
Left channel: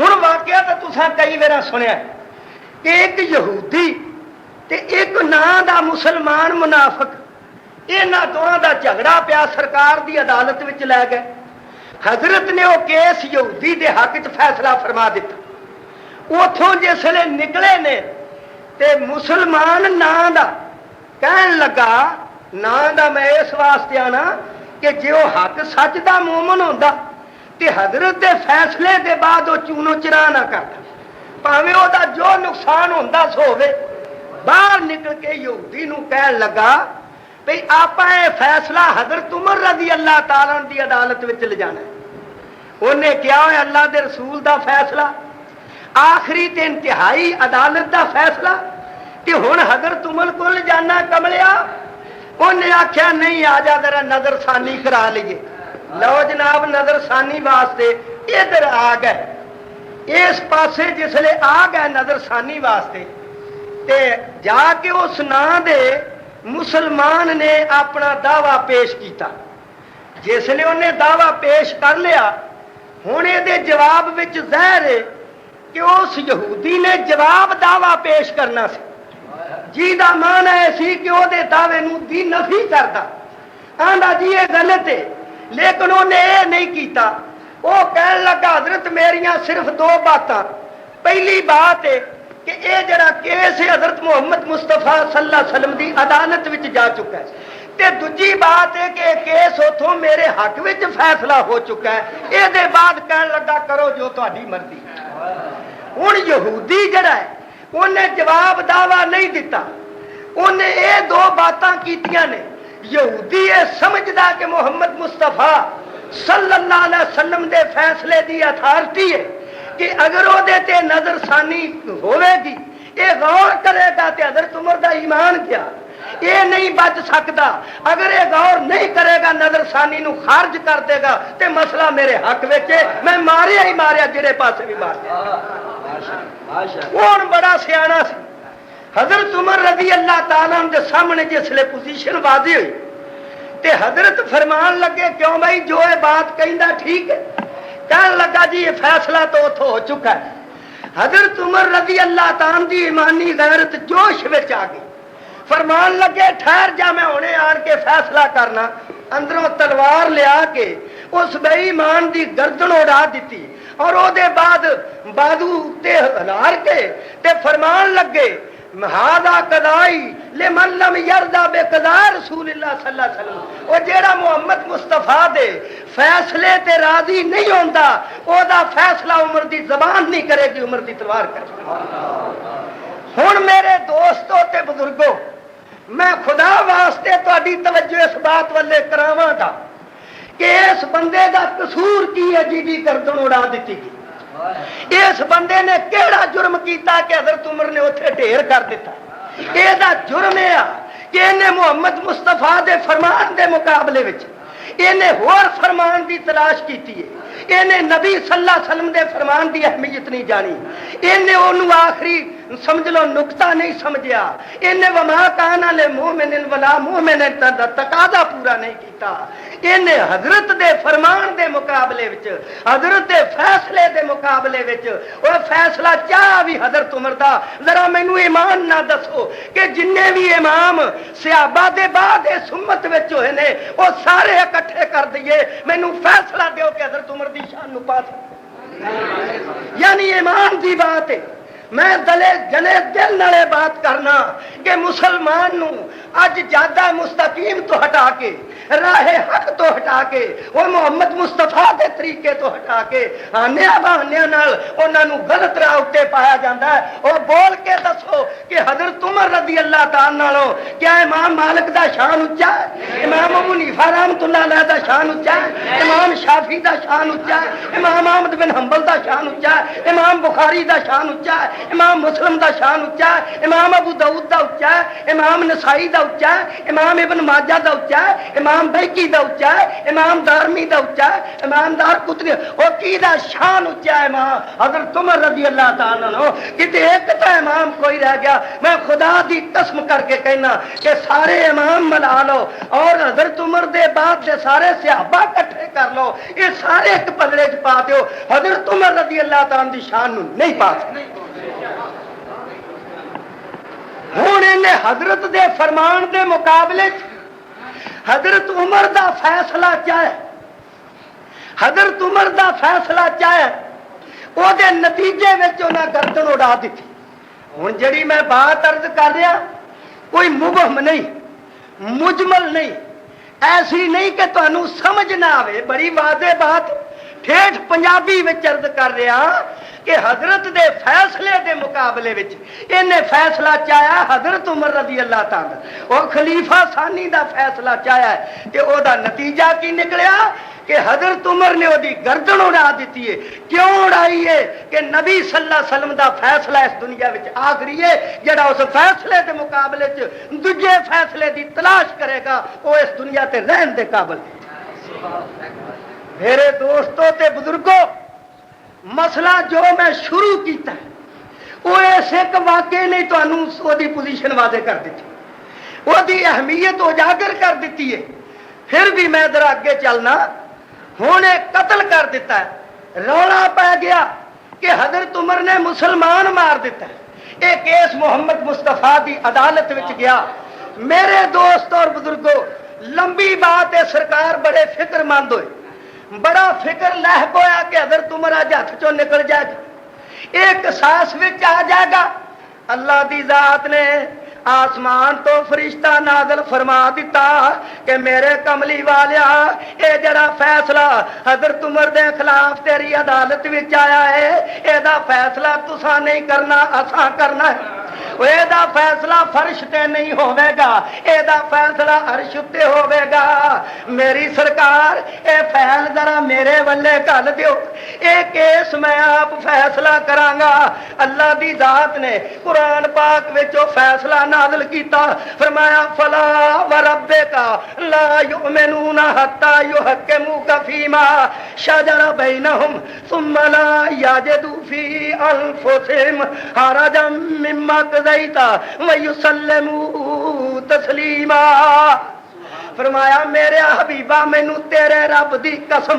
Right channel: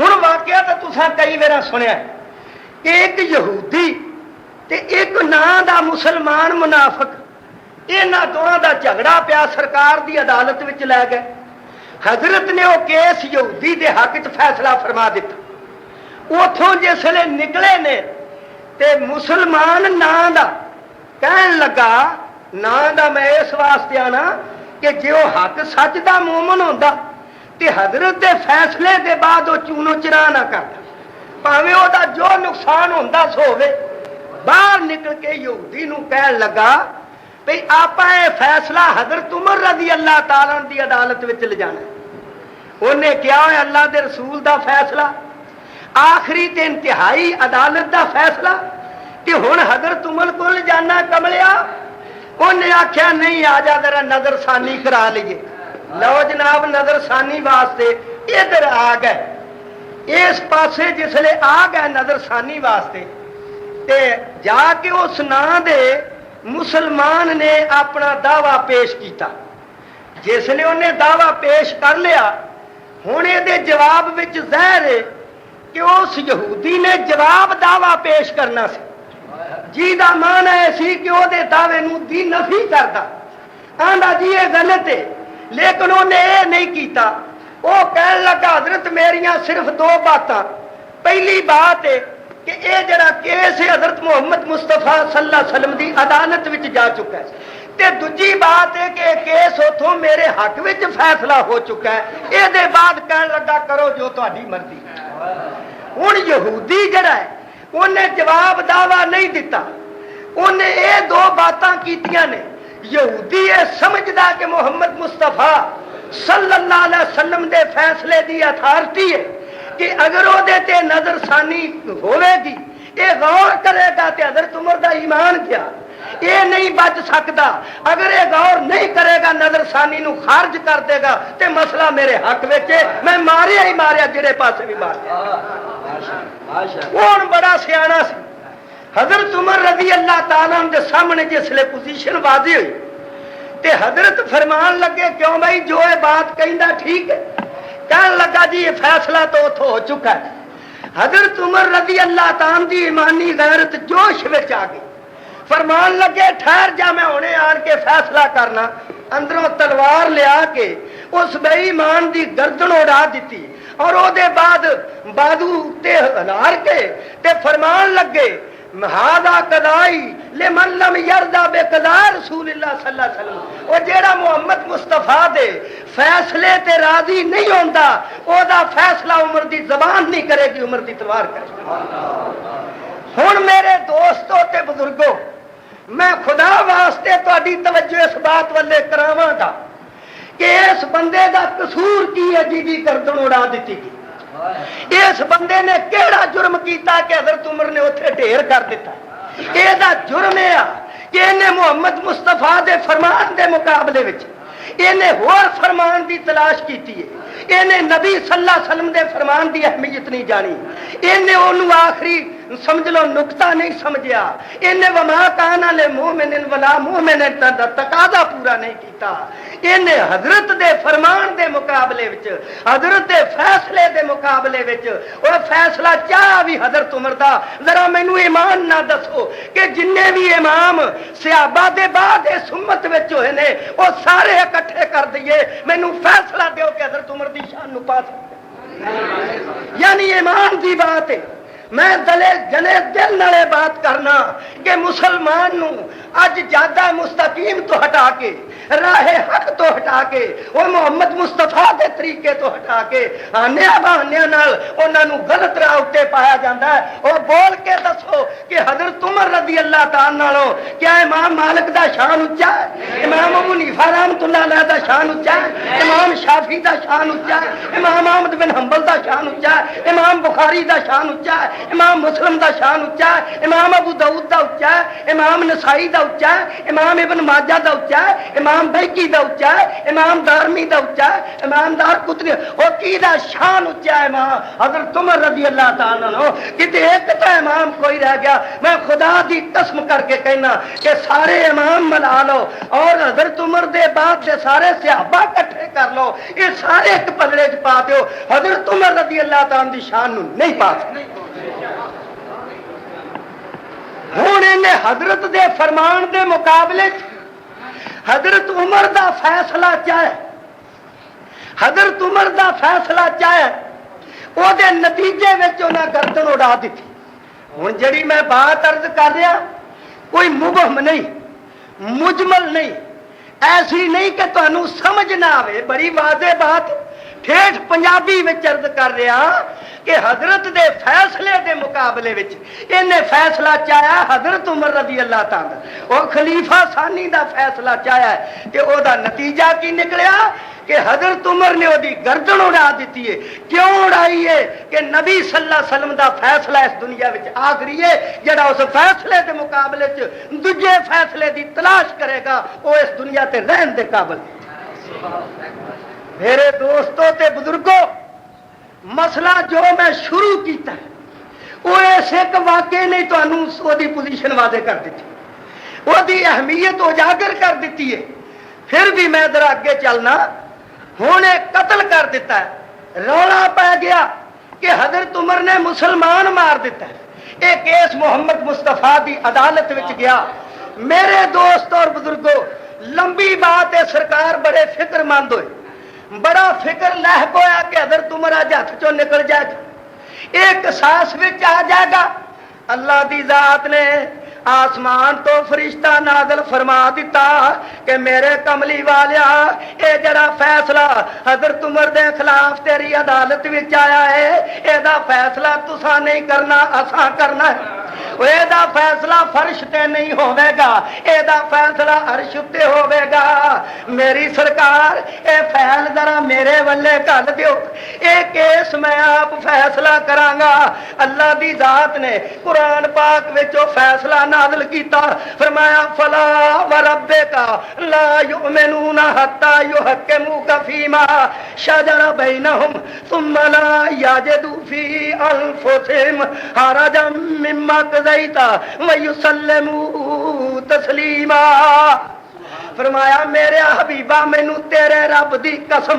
ہن واقعہ تے تساں کئی وار سنیا کہ ایک یہودی تے ایک ناں دا مسلمان منافق انہاں دونوں دا جھگڑا پیا سرکار دی عدالت وچ لے گئے. حضرت نے وہ کیس یہودی دے حق وچ فیصلہ فرما دیتا. اتوں جسے نکلے نے تے مسلمان ناں دا کہن لگا ناں دا میں اس واسطے آنا کہ جے وہ حق سچ دا مومن ہوندا تے حضرت دے فیصلے دے بعد وہ چونو چرا نہ کرتا پاویں وہ دا جو نقصان ہوندا سو ہوے. باہر نکل کے یہودی نو کہن لگا بھئی آپا یہ فیصلہ حضرت عمر رضی اللہ تعالیٰ دی عدالت وچ لے جانا ہے. انہیں کیا ہے اللہ دے رسول دا فیصلہ آخری تے انتہائی عدالت دا فیصلہ تے ہن حضرت عمر کو لے جانا کملیا. انہیں آخیا نہیں آ جا ذرا نظر ثانی کرا لیے. لو جناب نظر ثانی واسطے ادھر آ گئے. اس پاسے جسلے آ گئے نظر ثانی واسطے تے جا کے اس ناں دے مسلمان نے اپنا دعویٰ پیش کیتا. جسلے انہیں دعویٰ پیش کر لیا ہن یہ جواب وچ ظاہر ہے کہ اس یہودی نے جواب دعویٰ پیش کرنا سی جی دا مان ہے سی کہ وہ دعوے نو دی نفی کرتا آندا جی یہ غلط ہے. لیکن انہیں یہ نہیں کیتا. وہ کہن لگا حضرت میریاں صرف دو باتاں. پہلی بات ہے کہ یہ جڑا کیس ہے حضرت محمد مصطفیٰ صلی اللہ علیہ وسلم دی عدالت وچ جا چکا ہے تے دوجی بات ہے کہ کیس اتوں میرے حق وچ فیصلہ ہو چکا ہے. یہ دے بعد کہن لگا کرو جو تہاڈی مرضی. ہن یہودی جڑا ہے انہیں جواب دعویٰ نہیں دیتا. انہیں یہ دو باتاں کیتیاں نے. یہودی یہ سمجھدا کہ محمد مصطفیٰ صلی اللہ علیہ وسلم دے فیصلے دی اتھارٹی ہے کہ اگر وہ تے نظر ثانی ہوے گی یہ غور کرے گا تے حضرت عمر دا ایمان کیا یہ نہیں بچ سکتا. اگر یہ غور نہیں کرے گا نظر ثانی نو خارج کر دے گا تے مسئلہ میرے حق وچ میں ماریا ہی ماریا جڑے پاسے بھی ماریا. کون بڑا سیانا سی. حضرت عمر رضی اللہ تعالیٰ کے سامنے جسلے پوزیشن واضح ہوئی تے حضرت فرمان لگے کیوں بھائی جو یہ بات کہندا ٹھیک ہے کہنے لگا جی یہ فیصلہ تو اتو ہو چکا ہے. حضرت عمر رضی اللہ تعالیٰ دی ایمانی غیرت جوش وچ آ گئی. فرمان لگے ٹھہر جا میں ہونے آن کے فیصلہ کرنا. اندروں تلوار لیا کے اس بے ایمان دی گردن اڑا دیتی اور او دے بعد بادو تے ہلار کے تے فرمان لگے ہذا قضائی لمن لم یرضا بقضاء رسول اللہ صلی اللہ علیہ وسلم. او جیڑا محمد مصطفیٰ دے فیصلے تے راضی نہیں ہوندا او دا فیصلہ عمر دی زبان نہیں کرے گی، عمر دی تلوار کرے گی. ہن میرے دوستو تے بزرگو میں خدا واسطے تہاڈی توجہ اس بات والے کراواں گا کہ اس بندے دا قصور کی ہے جی گردن اڑا دیتی گئی. اس بندے نے کیڑا جرم کیتا کہ حضرت عمر نے اتنے ڈھیر کر دیتا. یہ جرم ہے کہ انہیں محمد مصطفیٰ دے فرمان دے مقابلے وچ انہیں ہور فرمان دی تلاش کیتی ہے. انہیں نبی صلی اللہ علیہ وسلم دے فرمان دی اہمیت نہیں جانی. انہیں انہوں آخری سمجھ لو نقطہ نہیں سمجھیا. انہیں وما کان للمؤمن ولا مؤمنۃ دا تقاضا پورا نہیں کیتا. انہیں حضرت دے فرمان دے مقابلے وچ حضرت دے فیصلے دے مقابلے وچ اور فیصلہ چاہ بھی حضرت عمر دا. ذرا مینوں ایمان نہ دسو کہ جننے بھی امام صحابہ دے بعد اس امت وچ ہوئے نے وہ سارے اکٹھے کر دئیے مینوں فیصلہ دیو کہ حضرت عمر دی شان نو پا سکتے. یعنی ایمان دی بات ہے. میں جلے دل نالے بات کرنا کہ مسلمان نو اج جادہ مستقیم تو ہٹا کے راہ حق تو ہٹا کے اور محمد مصطفیٰ دے طریقے تو ہٹا کے آنیا بہانیاں نال انہاں نو غلط راہ اتے پایا جاتا ہے. اور بول کے دسو کہ حضرت عمر رضی اللہ تعالی عنہ کیا امام مالک دا شان اونچا ہے؟ امام ابو حنیفہ رحمۃ اللہ علیہ دا شان اونچا ہے؟ امام شافعی دا شان اونچا ہے؟ امام احمد بن حنبل دا شان اونچا ہے؟ امام بخاری دا شان اونچا ہے؟ امام مسلم دا شان اونچا ہے؟ امام ابو داؤد دا اونچا ہے؟ امام نسائی دا اونچا ہے؟ امام ابن ماجہ دا اونچا ہے؟ امام بیکی دا اونچا ہے؟ امام دارمی دا اونچا ہے؟ امام دار قطنی او کی دا شان اونچا ہے؟ امام حضرت عمر رضی اللہ تعالی عنہ کتے ایک تو امام کوئی رہ گیا. میں خدا دی قسم کر کے کہنا کہ سارے امام ملا لو اور حضرت عمر دے بعد سے سارے صحابہ اکٹھے کر لو یہ سارے ایک پلڑے چ پا دیو حضرت عمر رضی اللہ تعالی دی شان نو نہیں پا سکتے. ہوں انہیں حضرت دے فرمان دے مقابلے حضرت عمر دا فیصلہ چاہے حضرت عمر دا فیصلہ چاہے وہ دے نتیجے میں انہیں گردن اڑا دیتی. ہوں جڑی میں بات عرض کر رہا کوئی مبہم نہیں مجمل نہیں ایسی نہیں کہ تمہیں سمجھ نہ آئے. بڑی واضح بات ٹھیٹھ پنجابی میں عرض کر رہا کہ حضرت دے فیصلے دے مقابلے وچ انہیں فیصلہ چاہیا حضرت عمر رضی اللہ تعالی اور خلیفہ ثانی دا فیصلہ چاہیا ہے کہ او دا نتیجہ کی نکلیا کہ حضرت عمر نے دی گردن اڑا دیتی ہے. کیوں اڑائی ہے؟ کہ نبی صلی اللہ علیہ وسلم دا فیصلہ اس دنیا وچ آخری ہے. جڑا اس فیصلے دے مقابلے چ دوجے فیصلے دی تلاش کرے گا وہ اس دنیا تے رہن دے قابل ہے. میرے دوستوں تے بزرگوں مسئلہ جو میں شروع کیتا وہ ایسے ایک واقعے نہیں تو دی پوزیشن واضح کر دیتی وہ دی اہمیت اجاگر کر دیتی ہے. پھر بھی میں ذرا اگے چلنا. ہوں قتل کر دیتا ہے رولا پی گیا کہ حضرت عمر نے مسلمان مار دیتا ہے. ایک کیس محمد مصطفیٰ دی عدالت وچ گیا. میرے دوست اور بزرگوں لمبی بات ہے سرکار بڑے فکر مند ہوئے بڑا فکر لاحق ہویا کہ حضرت عمر اج ہاتھ چوں نکل جائے گا ایک ساس وچ آ جائے گا. اللہ دی ذات نے آسمان تو فرشتہ نازل فرما دیتا کہ میرے کملی والیا اے جڑا فیصلہ حضرت عمر دے خلاف تیری عدالت وچ آیا ہے اے دا فیصلہ تساں نہیں کرنا اساں کرنا ہے. اے دا فیصلہ فرش تے نہیں ہوے گا اے دا فیصلہ عرش تے ہوے گا. میری سرکار اے فیل ذرا میرے ولے گل دیو اے کیس میں آپ فیصلہ کراں گا. اللہ دی ذات نے قرآن پاک وچ فیصلہ نازل کیتا فرمایا فلا وربک لا یؤمنون حتی یحکموک فیما شجر بینہم ثم لا یجدوا فی انفسہم حرجا مما قضیت ویسلموا تسلیما. فرمایا میرے حبیبہ مینوں تیرے رب دی قسم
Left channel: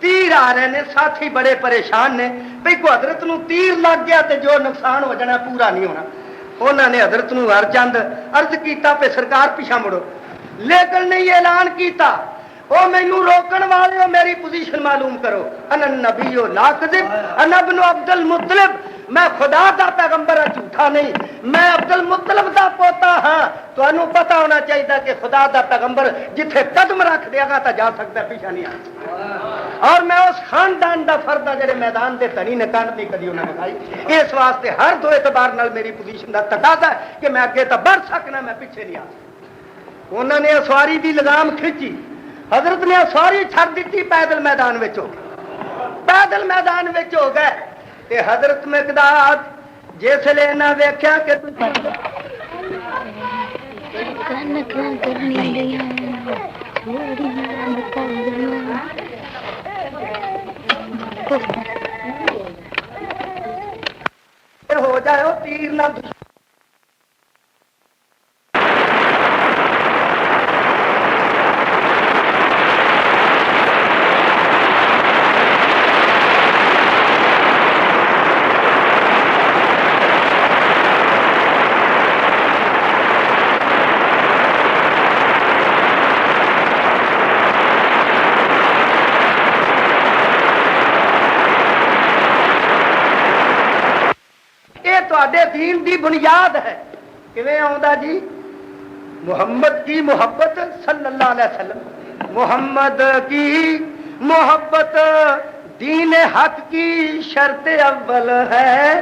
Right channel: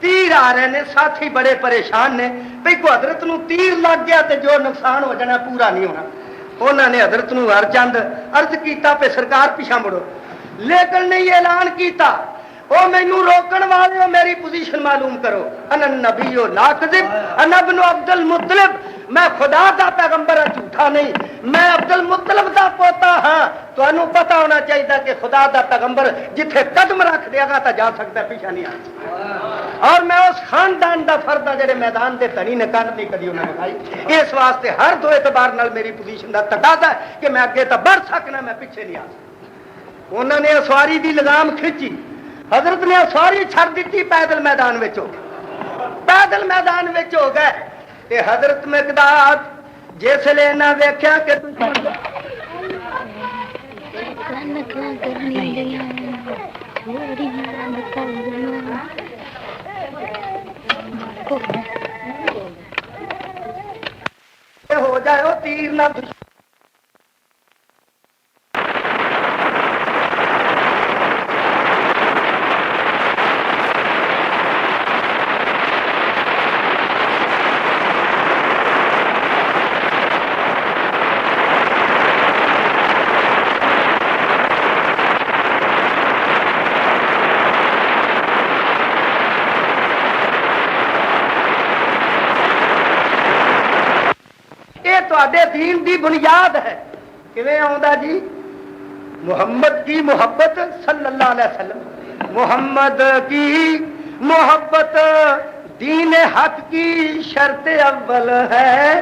تیر آ رہے ہیں، ساتھی بڑے پریشان نے بھئی کو حضرت نو تیر لگ گیا تو جو نقصان ہو جانا پورا نہیں ہونا. انہوں نے حضرت نو چند عرض کیتا پہ سرکار پیچھا مڑو، لیکن نہیں اعلان کیتا او مینوں روکن والے ہو میری پوزیشن معلوم کرو. انا نبی لا کذب انا ابن عبد المطلب، میں خدا دا پیغمبر جھوٹا نہیں، میں عبد المطلب دا پوتا ہاں. تمہیں پتا ہونا چاہیے کہ خدا دا پیغمبر جتھے قدم رکھ دے گا تو جا سکتا، پیچھا نہیں آ. اور میں اس خاندان دا فرد ہاں جڑے میدان دے تنی نے کنڈ نہیں کدی انہوں نے کھائی. اس واسطے ہر دو اعتبار نال میری پوزیشن دا تقاضا ہے کہ میں اگے تو بڑھ سکنا، میں پیچھے نہیں آ سکتا. انہوں نے سواری دی لگام کھچی، حضرت نے سواری چھڑ دیتی، پیدل میدان وچ ہو پیدل میدان وچ ہو گئے. کہ حضرت مقداد جس لے نہ ویکھیا کہ ہو جائے ہو تیر نہ دین دی بنیاد ہے. کیویں آوندا جی؟ محمد کی محبت صلی اللہ علیہ وسلم، محمد کی محبت دین حق کی شرط اول ہے،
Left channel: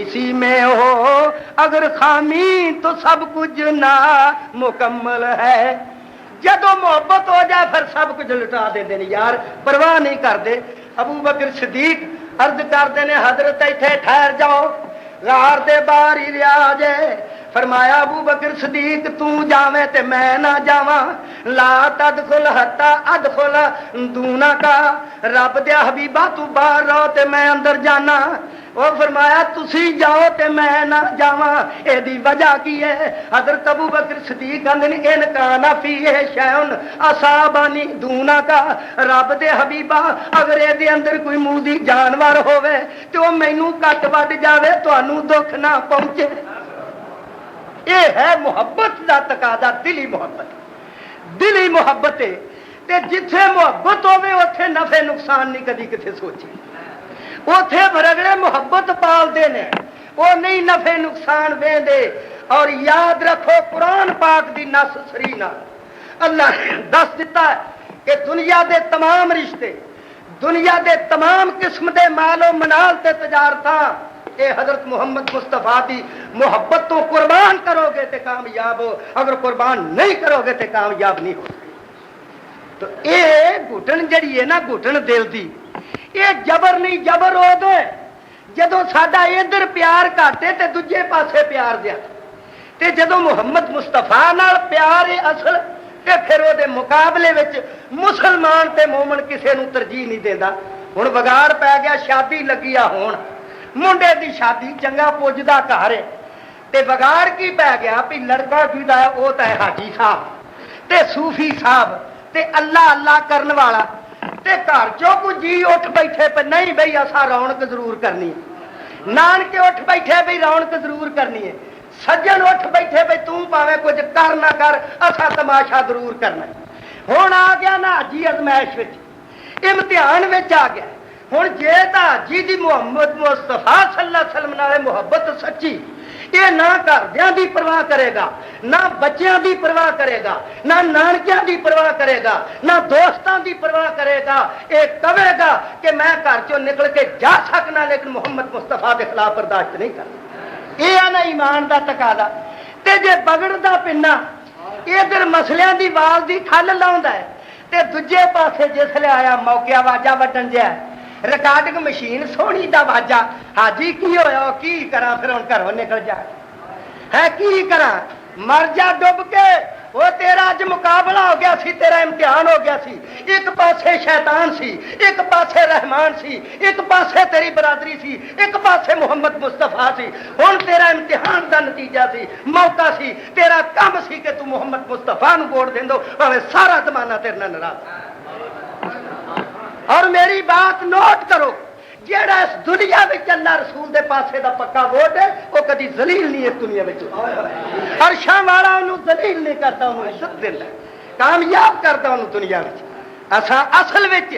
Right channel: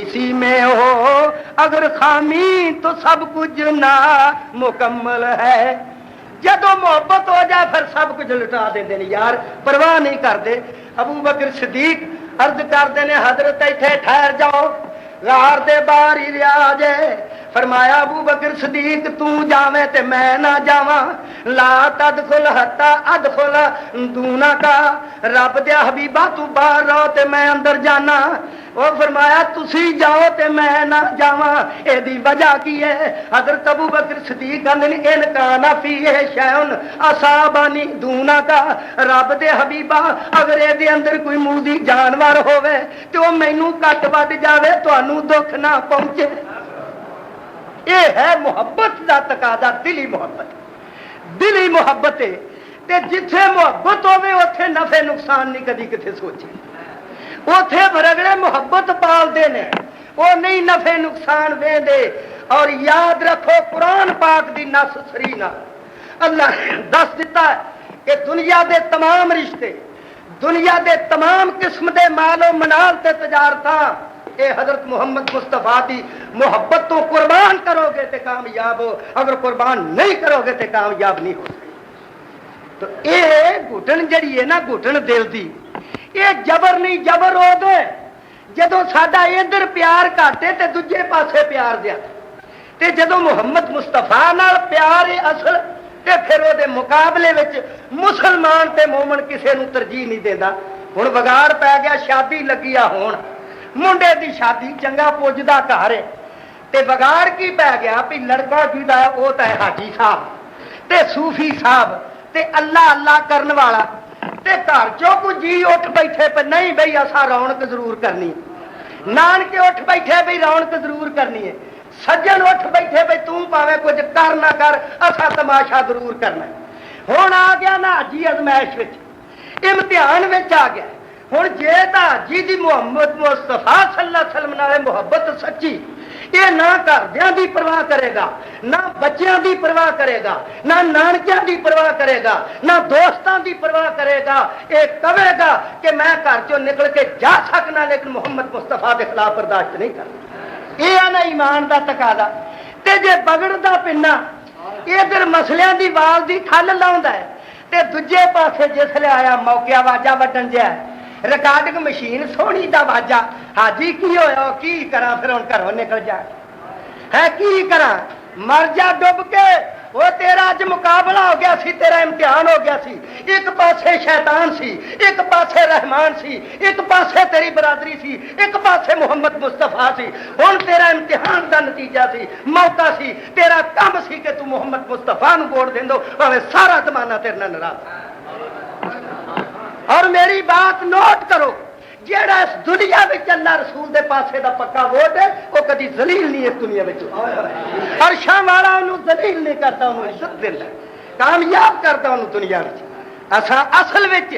اسی میں ہو اگر خامی تو سب کچھ نامکمل ہے. جدو محبت ہو جائے پھر سب کچھ لٹا دے دیں یار، پرواہ نہیں کرتے. ابو بکر صدیق عرض کرتے ہیں حضرت ایتھے ٹھہر جاؤ، لار دے باہر ہی لیا جائے. فرمایا ابو بکر صدیق تو جاویں تے میں نہ جاواں، لا تدخل حتی ادخل دونا کا، رب دے حبیبا تو باہر رہو تے میں اندر جانا. وہ فرمایا تسی جاؤ تے میں نہ جاواں، اے دی وجہ کی ہے؟ حضرت ابو بکر صدیق کہندے ان کان فیہ شیء اصابنی دونا کا، رب دے حبیبا اگر اے دے اندر کوئی موذی جانور ہوے تے او مینوں کٹ وڈ جاوے تانوں دکھ نہ پہنچے. یہ ہے محبت دا تقاضا، دلی محبت. دلی محبت ہے تے جتھے محبت ہوے اوتھے نفع نقصان نہیں کدی کتے سوچی. اوتھے برگڑے محبت پال دے نے، وہ نہیں نفع نقصان دے دے. اور یاد رکھو قرآن پاک دی نص سرینا اللہ دس دیتا ہے کہ دنیا دے تمام رشتے، دنیا دے تمام قسم دے مال و منال تے تجارتاں اے حضرت محمد مصطفیٰ دی محبت تو قربان کرو گے تے کامیاب ہو، اگر قربان نہیں کرو گے تے کامیاب نہیں ہو. تو اے گھٹن جڑی ہے نا، گھٹن دل دی، یہ جبر نہیں، جبر ہو دے جدو ساڈا ادھر پیار گھٹے تے دوجے پاسے پیار دیا. تے جدو محمد مصطفیٰ نال پیار ہے اصل تے پھر وہ دے مقابلے وچ مسلمان تے مومن کسے نو ترجیح نہیں دیندا. ہن بگاڑ پی گیا، شادی لگی آ ہون، منڈے دی شادی چنگا پوجدا گھر تے بگاڑ کی پی گیا بھی لڑکا جیدا وہ تے حاجی صاحب تے صوفی صاحب تے اللہ اللہ کرن والا تے گھر چوں کو جی اٹھ بیٹھے پہ نہیں بھئی اسا رونق ضرور کرنی، نانکے اٹھ بیٹھے بھئی رونق ضرور کرنی ہے، سجن اٹھ بیٹھے بھئی تم پاویں کچھ کر نہ کر اسا تماشا ضرور کرنا. ہن آ گیا نا حاجی ازمائش وچ، امتحان وچ آ گیا. ہن جے تا حاجی دی محمد مصطفیٰ صلی اللہ علیہ وسلم نال محبت سچی، یہ نہ گھردیاں دی پرواہ کرے گا، نہ بچیاں دی پرواہ کرے گا، نہ نانکیاں دی پرواہ کرے گا، نہ دوستاں دی پرواہ کرے گا. یہ کہے گا کہ میں گھر چوں نکل کے جا سکنا لیکن محمد مصطفیٰ کے خلاف برداشت نہیں کرنا. یہ ہے نا ایمان دا تقاضا. تے جے بگڑدا پنا ادھر مسلیاں دی وال دی کھل لاوندا ہے تے دوجے پاسے جسلے آیا موقع واجا وڈن جا ریکارڈنگ مشین سونی دا واجا، حاجی کی ہویا کی کرا پھر ہن گھروں نکل جا ہے کی کرا مر جا ڈب کے. وہ تیرا اج مقابلہ ہو گیا سی، تیرا امتحان ہو گیا سی. ایک پاسے شیطان سی، ایک پاسے رحمان سی، ایک پاسے تیری برادری سی، ایک پاسے محمد مصطفیٰ سی. ہن تیرا امتحان دا نتیجہ سی، موقع سی، تیرا کم سی کہ تو محمد مصطفیٰ نو ووٹ دیندو، بھاویں سارا زمانہ تیرے نال ناراض. اور میری بات نوٹ کرو، جیڑا اس دنیا میں اللہ رسول دے پاسے دا پکا ووٹ ہے وہ کدی ذلیل نہیں اس دنیا میں، اور شاہ والا انہوں ذلیل نہیں کرتا، انہوں عزت دیندا، کامیاب کرتا انہوں دنیا میں۔ اساں اصل وچ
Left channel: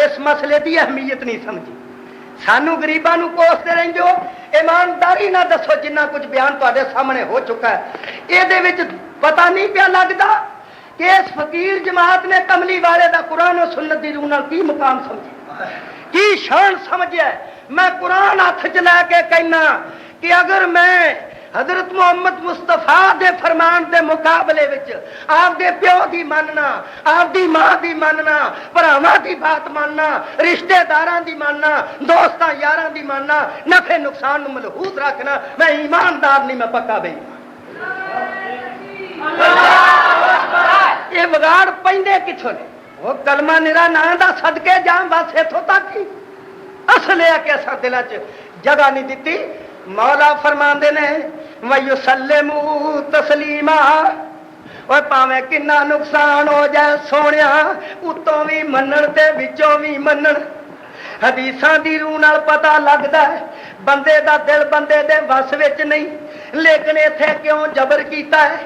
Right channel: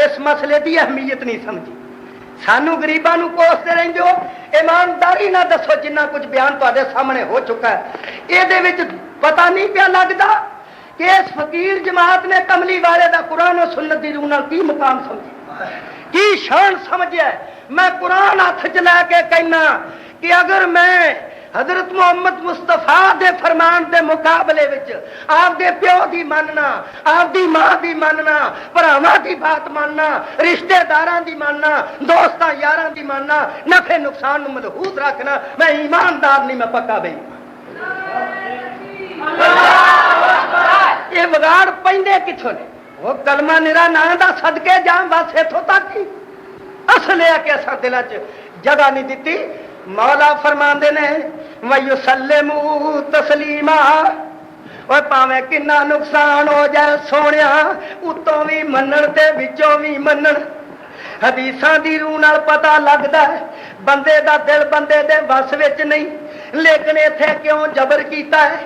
اس مسئلے دی اہمیت نہیں سمجھی، سانو غریباں نو کوستے رہندے ہو، ایمانداری نہ دسو جنہ کچھ بیان تواڈے سامنے ہو چکا ہے، اے دے وچ پتہ نہیں پیا لگدا کہ اس فقیر جماعت نے کملی والے دا قرآن و سنت دی روح نال کی مقام سمجھا، کی شان سمجھیا ہے۔ میں قرآن ہاتھ چ لے کے کہنا کہ اگر میں حضرت محمد مصطفیٰ دے فرمان دے مقابلے وچ آپ دے پیو دی ماننا، آپ دی ماں دی ماننا، بھراواں دی بات ماننا، رشتہ داراں دی ماننا، دوستاں یاراں دی ماننا، نفع نقصان نو ملحوظ رکھنا، میں ایماندار نہیں، میں پکا بھئی۔ یہ بگاڑ پیندے کتھوں نے؟ وہ کلمہ نرا نا دا صدقے جان بس اتھوں تک ہی اصل ہے کہ ایسا دل چ جگہ نہیں دیتی۔ مولا فرماندے نے وَيُسَلِّمُوا تَسْلِيمًا، اور پاویں کنا نقصان ہو جائے سونیا اتوں بھی منن تے وچوں بھی منن۔ حدیثاں دی روح نال پتہ لگدا ہے بندے دا دل بندے دے وس وچ نہیں، لیکن ایتھے کیوں جبر کیتا ہے،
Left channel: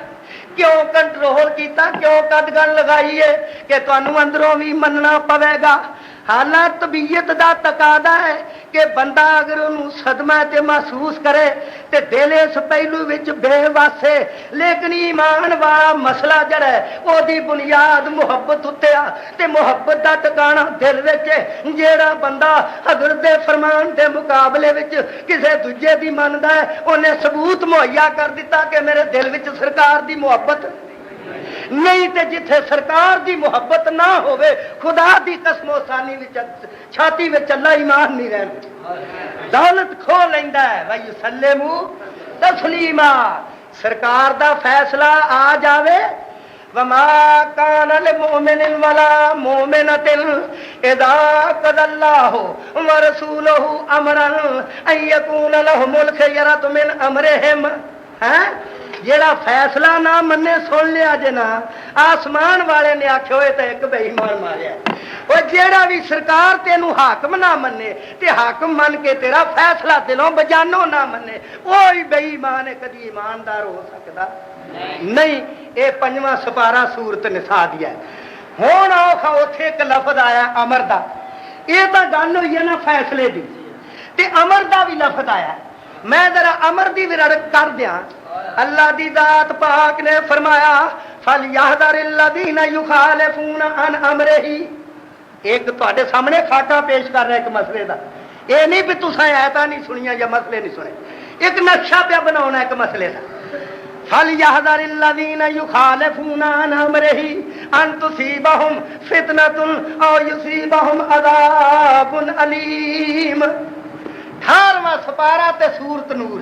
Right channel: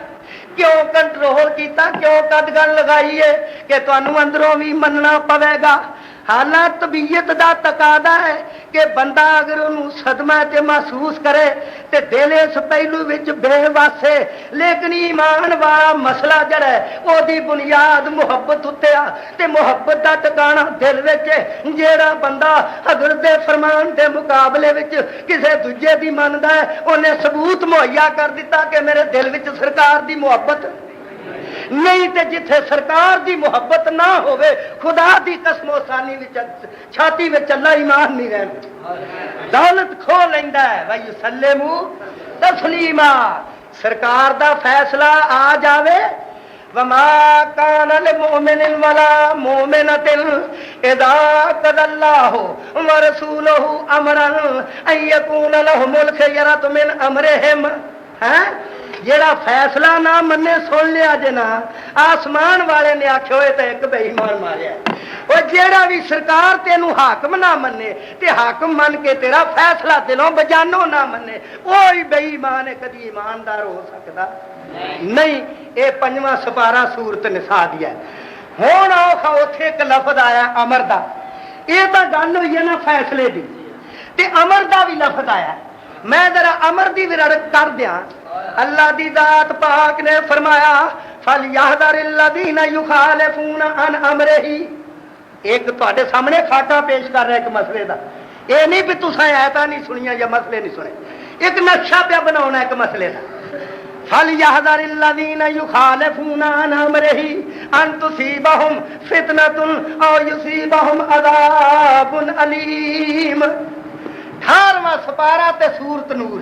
کیوں کنٹرول کیتا، کیوں قدغن لگائی ہے کہ تانوں اندروں بھی مننا پوے گا۔ حالات طبیعت دا تقاضا ہے کہ بندہ اگر انہوں صدمہ تے محسوس کرے تے دل اس پہلو وچ بے واسے، لیکن ایمان والا مسئلہ جڑا ہے او دی بنیاد محبت اتے آ، تے محبت دا ٹکانا دل وچ، جیڑا بندہ حضرت دے فرمان دے مقابلے وچ کسے دوجے دی مندا ہے انہیں ثبوت مہیا کر دیتا کہ میرے دل وچ سرکار دی محبت نہیں، تے جتھے سرکار دی محبت نہ ہوئے خدا دی قسم و ثانی وچ چھاتی وچ اللہ ایمان نہیں رہنا، دولت کھو لیندا ہے۔ وَيُسَلِّمُوا تَسْلِيمًا، سرکار دا فیصلہ آ جاوے۔ وَمَا كَانَ لِمُؤْمِنٍ وَلَا مُؤْمِنَةٍ إِذَا قَضَى اللَّهُ وَرَسُولُهُ أَمْرًا أَن يَكُونَ لَهُمُ الْخِيَرَةُ مِنْ أَمْرِهِمْ۔ جیڑا فیصلہ نہ منے سن لیا جے نا، آسمان والے نے آکھیا ہوئے تے ایک بے ایمان ماریا، وہ جیڑا بھی سرکار تینوں حاکم نہ منے تے حاکم من کے تیرا فیصلہ دلوں بجانوں نہ منے، وہی بے ایمان ہے، کدی ایماندار ہو سکتا نہیں۔ اے پنجواں سپارہ سورت نساء دیا ہے۔ ہن اوکھا اوتھے ایک لفظ آیا امر دا، یہ تو گل ہوئی ہے نا فیصلے دی، تے امر دا بھی لفظ آیا۔ میں ذرا امر دی ورڑت کر دیاں۔ اللہ دی ذات پاک نے فرمایا فَلْيَحْذَرِ الَّذِينَ يُخَالِفُونَ عَنْ أَمْرِهِ۔ ایک تواڈے سامنے خاکہ پیش کر رہا ایک مسئلے دا، یہ نہیں بھی تساں آیتاں نہیں سنیاں یا مسئلے نہیں سنے، ایک نقشہ پہ بناونا ایک مسئلے دا۔ فَلْيَحْذَرِ الَّذِينَ يُخَالِفُونَ عَنْ أَمْرِهِ أَن تُصِيبَهُمْ فِتْنَةٌ أَوْ يُصِيبَهُمْ عَذَابٌ أَلِيمٌ۔ 18واں سپارہ تے سورت نور،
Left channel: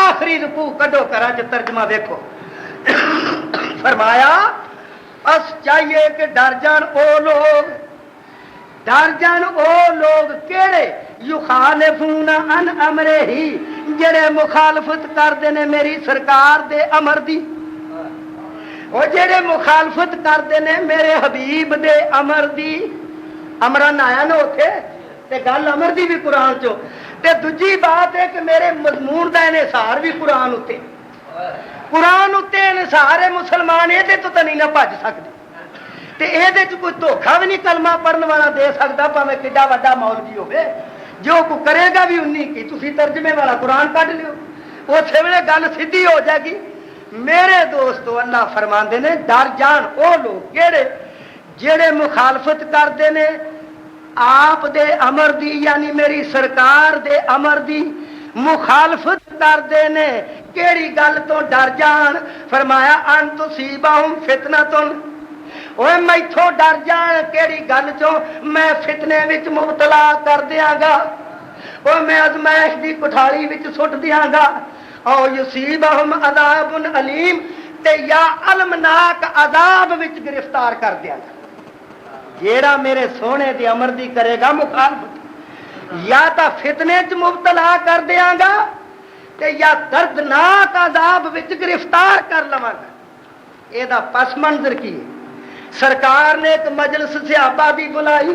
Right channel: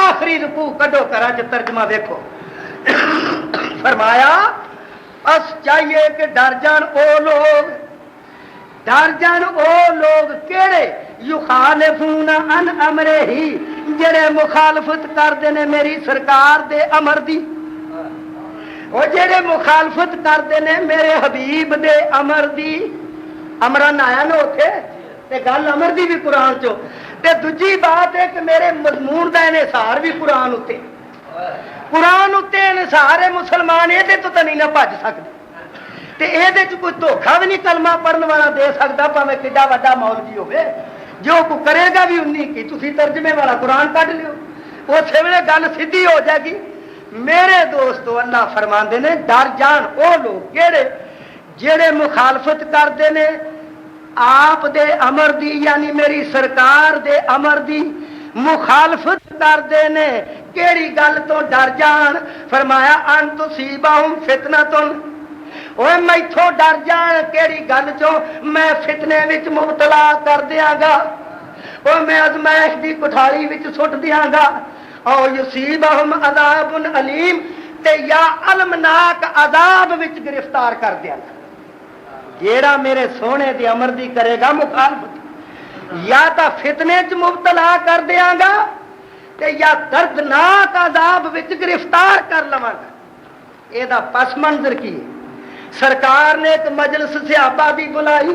آخری رکوع کڈو کرا جو ترجمہ دیکھو۔ فرمایا اس چاہیے کہ ڈر جان او لوگ، ڈر جان او لوگ کیڑے یخالفون عن امرہ، جڑے مخالفت کردے نے میری سرکار دے امر دی، وہ جڑے مخالفت کردے نے میرے حبیب دے امر دی۔ امران آیا نا اوتھے تے گل امر دی بھی قرآن چو، تے دوجی بات ہے کہ میرے مضمون دا انحصار بھی قرآن اتے، قرآن اتے انحصار ہے۔ مسلمان یہ تو نہیں نہ بھج سکتے، تے یہ کوئی دھوکھا بھی نہیں کلمہ پڑھن والا دے سکتا، پاویں کڈا وڈا مولوی ہوے، جو کو کرے گا بھی انی کی۔ تسی ترجمے والا قرآن کڈ لیو، اسی ویلے گل سیدھی ہو جائے گی۔ میرے دوستو اللہ فرماندے نے ڈر جان او لوگ کیڑے جڑے مخالفت کردے نے آپ دے امر دی، یعنی میری سرکار دے امر دی مخالفت کردے نے، کیڑی گل تو ڈر جان۔ فرمایا ان تصیبہم فتنۃ، اوے میتھوں ڈر جان کیڑی گل چوں میں فتنے وچ مبتلا کر دیاں گا، او میں ازمائش دی کٹھائی وچ سٹ دیاں گا، او یصیبہم عذاب علیم، تے یا المناک عذاب وچ گرفتار کر دیاں گا۔ جیڑا میرے سونے دے امر دی کرے گا مخالفت، یا تا فتنے چ مبتلا کر دیاں گا تے یا دردناک عذاب وچ گرفتار کر لواں گا۔ یہ پس منظر کی ہے؟ سرکار نے ایک مجلس صحابہ دی بلائی،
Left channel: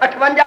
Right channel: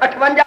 58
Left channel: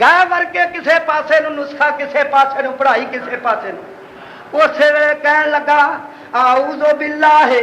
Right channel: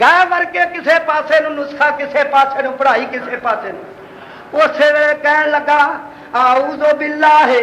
ਗਾਹ ਵਰਗੇ ਕਿਸੇ ਪਾਸੇ ਨੂੰ ਨੁਸਖਾ, ਕਿਸੇ ਪਾਸੇ ਨੂੰ ਪੜ੍ਹਾਈ, ਕਿਸੇ ਪਾਸੇ ਨੂੰ। ਉਸੇ ਵੇਲੇ ਕਹਿਣ ਲੱਗਾ ਆਊਜ਼ੋ ਬਿੱਲਾਹਿ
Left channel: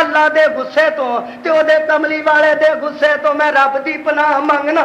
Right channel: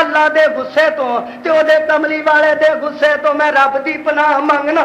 ਅੱਲਾ ਦੇ ਗੁੱਸੇ ਤੋਂ ਤੇ ਉਹਦੇ ਕਮਲੀ ਵਾਲੇ ਦੇ ਗੁੱਸੇ ਤੋਂ। ਮੈਂ ਰੱਬ ਦੀ ਪਨਾਹ ਮੰਗਣਾ,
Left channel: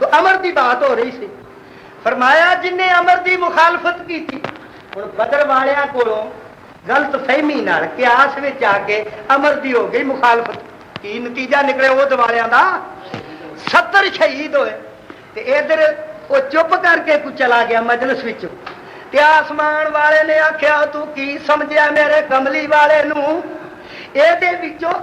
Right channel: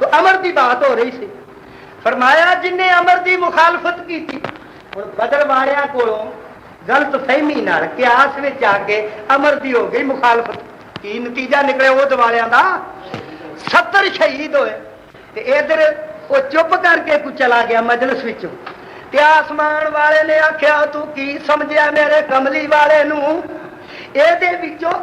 تو امر دی بات ہو رہی سی. فرمایا جن نے امر دی مخالفت کی تھی ہوں بدر والوں کو غلط فہمی نال قیاس وچ آ کے امر دی ہو گئی مخالفت. کی نتیجہ نکلے وہ دوالوں کا 70 شہید ہوئے. ادھر وہ چپ کر کے کچھ چلا گیا مجلس وچ. کیا آسمان والے نے آخیا تو کی سمجھیا میرے کملی والے نو یہ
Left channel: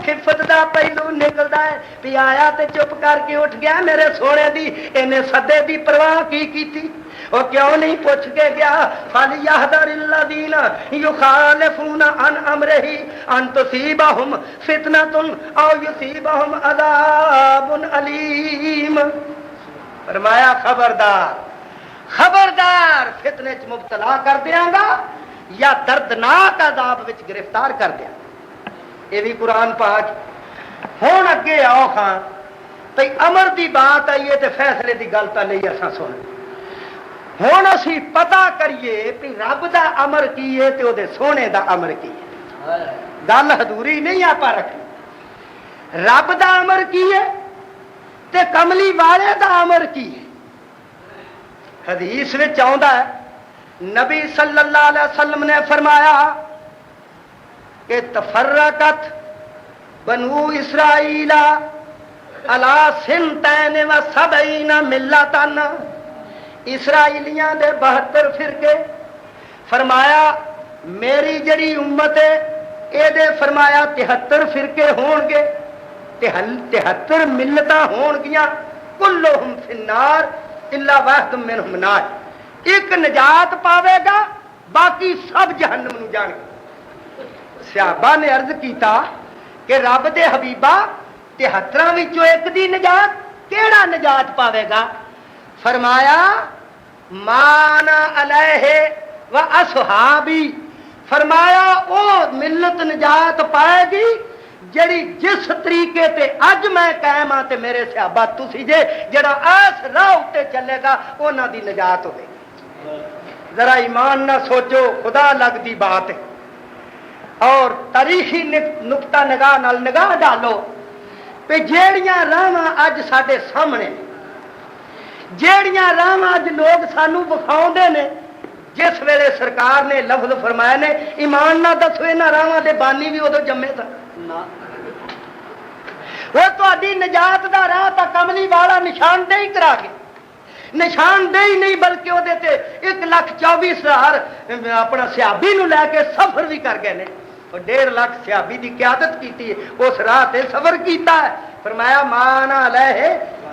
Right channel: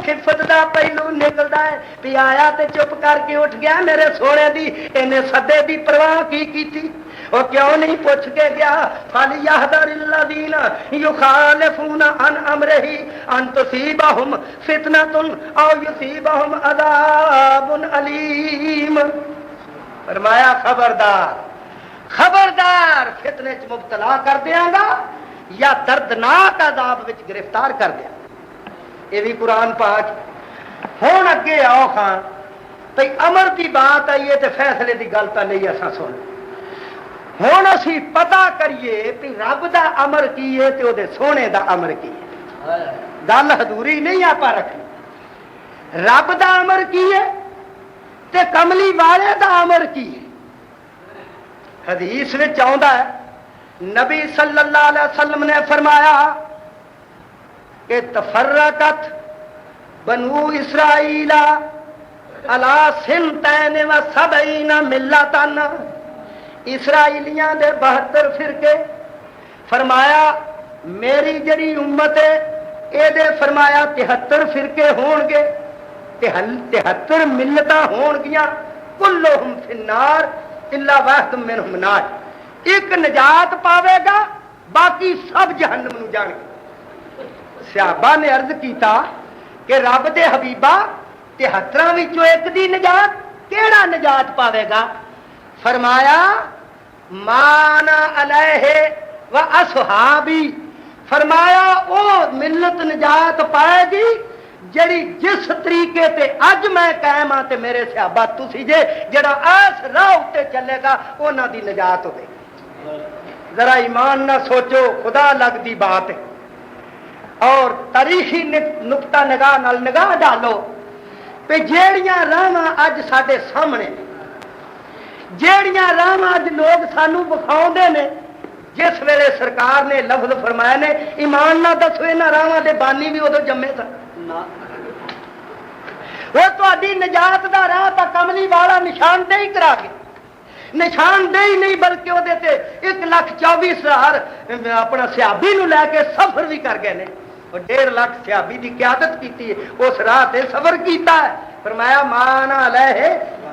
خفت دا پہلو نکلتا ہے بھی آیا تے چپ کر کے اٹھ گیا میرے سونے دی انہیں سدے دی پرواہ کی تھی وہ کیوں نہیں پوچھ کے گیا فَلْيَحْذَرِ الَّذِينَ يُخَالِفُونَ عَنْ أَمْرِهِ أَن تُصِيبَهُمْ فِتْنَةٌ أَوْ يُصِيبَهُمْ عَذَابٌ أَلِيمٌ. فرمایا خبردار فتنے چ مبتلا کر دیاں گا یا دردناک عذاب وچ گرفتار کر دیا. یہ بھی قرآن پاک. ہوں اگے آؤ خان بھائی امر دی بات آئیے تو فیصلے دی گل تو نہیں ایسا سن. ہوں اسی پتا کریے کہ رب دا امر کی ہے تو دے سونے دا امر کی. گل حضوری نہیں آپ رکھی. رب دا امر کی ہے تے کملی والے دا امر کی ہے. حدیث میں آتا ہے نبی صلی اللہ علیہ وسلم نے فرمایا کہ تفرقت بنو اسرائیل علی سنتین و سبعین ملتن. اسرائیلیاں دے 72 فرقے. فرمایا میری جڑی امت ہے اے دے فرمایا 73 فرقے ہون گے 73 ملتاں ہون گیاں کلہم فی النار الا واحد منہم نار. ایک نجات پاوے گا باقی سب جہنم نو جان. صحابہ نے عرض کیتا کہ رب دے حبیبا 73 وچوں ایک دی نجات کیڑا نجات پاوے گا؟ فرمایا مانا علیہ و اصحابی. فرمایا او ملت نجات پائے گی جڑی جس طریقے تے اج میں قائم ہاں تے میرے صحابہ تسی جے جڑا اس راہ تے چلے گا انہاں دی نجات ہوے. ذرا ایمان نہ سوچو خدا لگدی بات ہے. اور تاریخی نقطہ نگاہ نال نگاہ ڈالو کہ جیڑیاں راواں اج ساڈے سامنے جیڑیاں راواں اج لوگ سانو وکھاؤندے نے جس ویلے سرکار نے لفظ فرمایا نے ایمان نہ دسو انہاں راواں دے بانی بھی ادو جمے سن. وہ تہاڈی نجات دا راہ تا کملی والا نشاندہی کرا گیا. نشاندہی نہیں بلکہ وہ 1,24,000 اپنا صحابی نو لے کے سفر بھی کر گئے. 1.5 لاکھ صحابی دی قیادت کی اس راہ تے سفر کیتا ہے. فرمایا مانا علیہ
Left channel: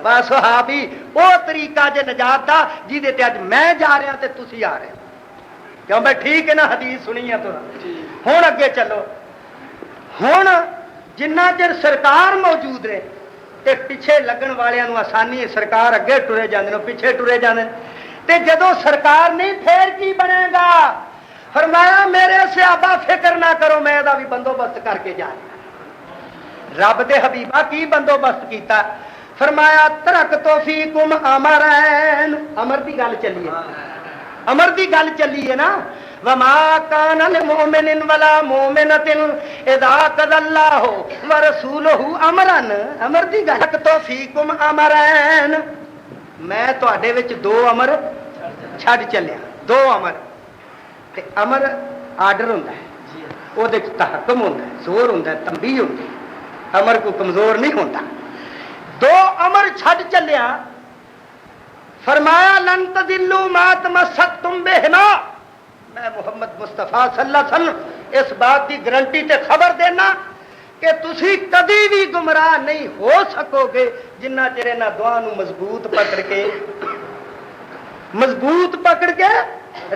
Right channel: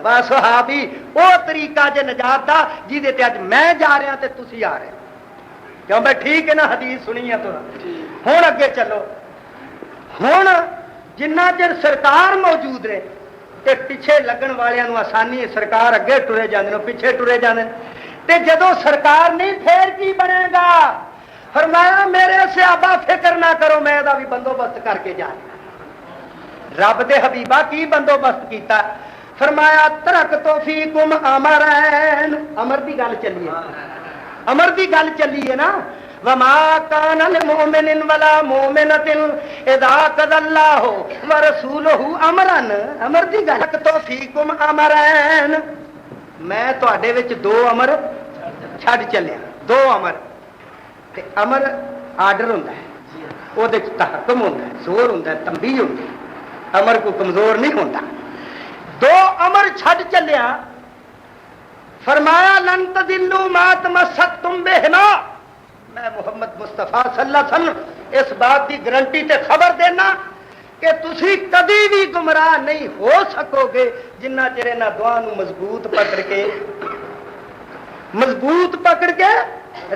و صحابی وہ طریقہ جے نجات دا جہدے تے اج میں جا رہا تے تسی آ رہے. کیوں بھائی ٹھیک ہے نا حدیث سنی ہے تو ہوں اگے چلو. ہوں جنہ چر سرکار موجود رہے تے پیچھے لگن والوں آسانی ہے. سرکار اگے ٹرے جانے پیچھے ٹرے جانے تے جدو سرکار نہیں پھر کی بنے گا؟ فرمایا میرے صحابہ فکر نہ کرو میں دا بھی بندوبست کر کے جا. رب دے حبیبہ کی بندوبست کیتا؟ فرمایا ترکت فیکم امرین. امر دی گل چلی ہے. امر دی گل چلی ہے نا. وما كان لمؤمن ولا مؤمنة اذا قضى الله ورسوله امرا. امر دی گل تو فیکم امرین. میں تواڈے وچ 2 امر چھڈ چلیا. 2 امر تے امر آرڈر ہوندا ہے او دے تحکم ہوندا ہے زور ہوندا ہے تنبیہ ہوندا ہے. امر کو کمزور نہیں ہوندا. 2 امر چھڈ چلیا. فرمایا لن تضلوا ما تمسكتم بهما. میں محمد مصطفیٰ صلی اللہ علیہ وسلم اس بات کی گارنٹی تے خبر دینا کہ تسی کبھی بھی گمراہ نہیں ہو سکو گے جنہ چر انہاں دعا نو مضبوط پکڑ کے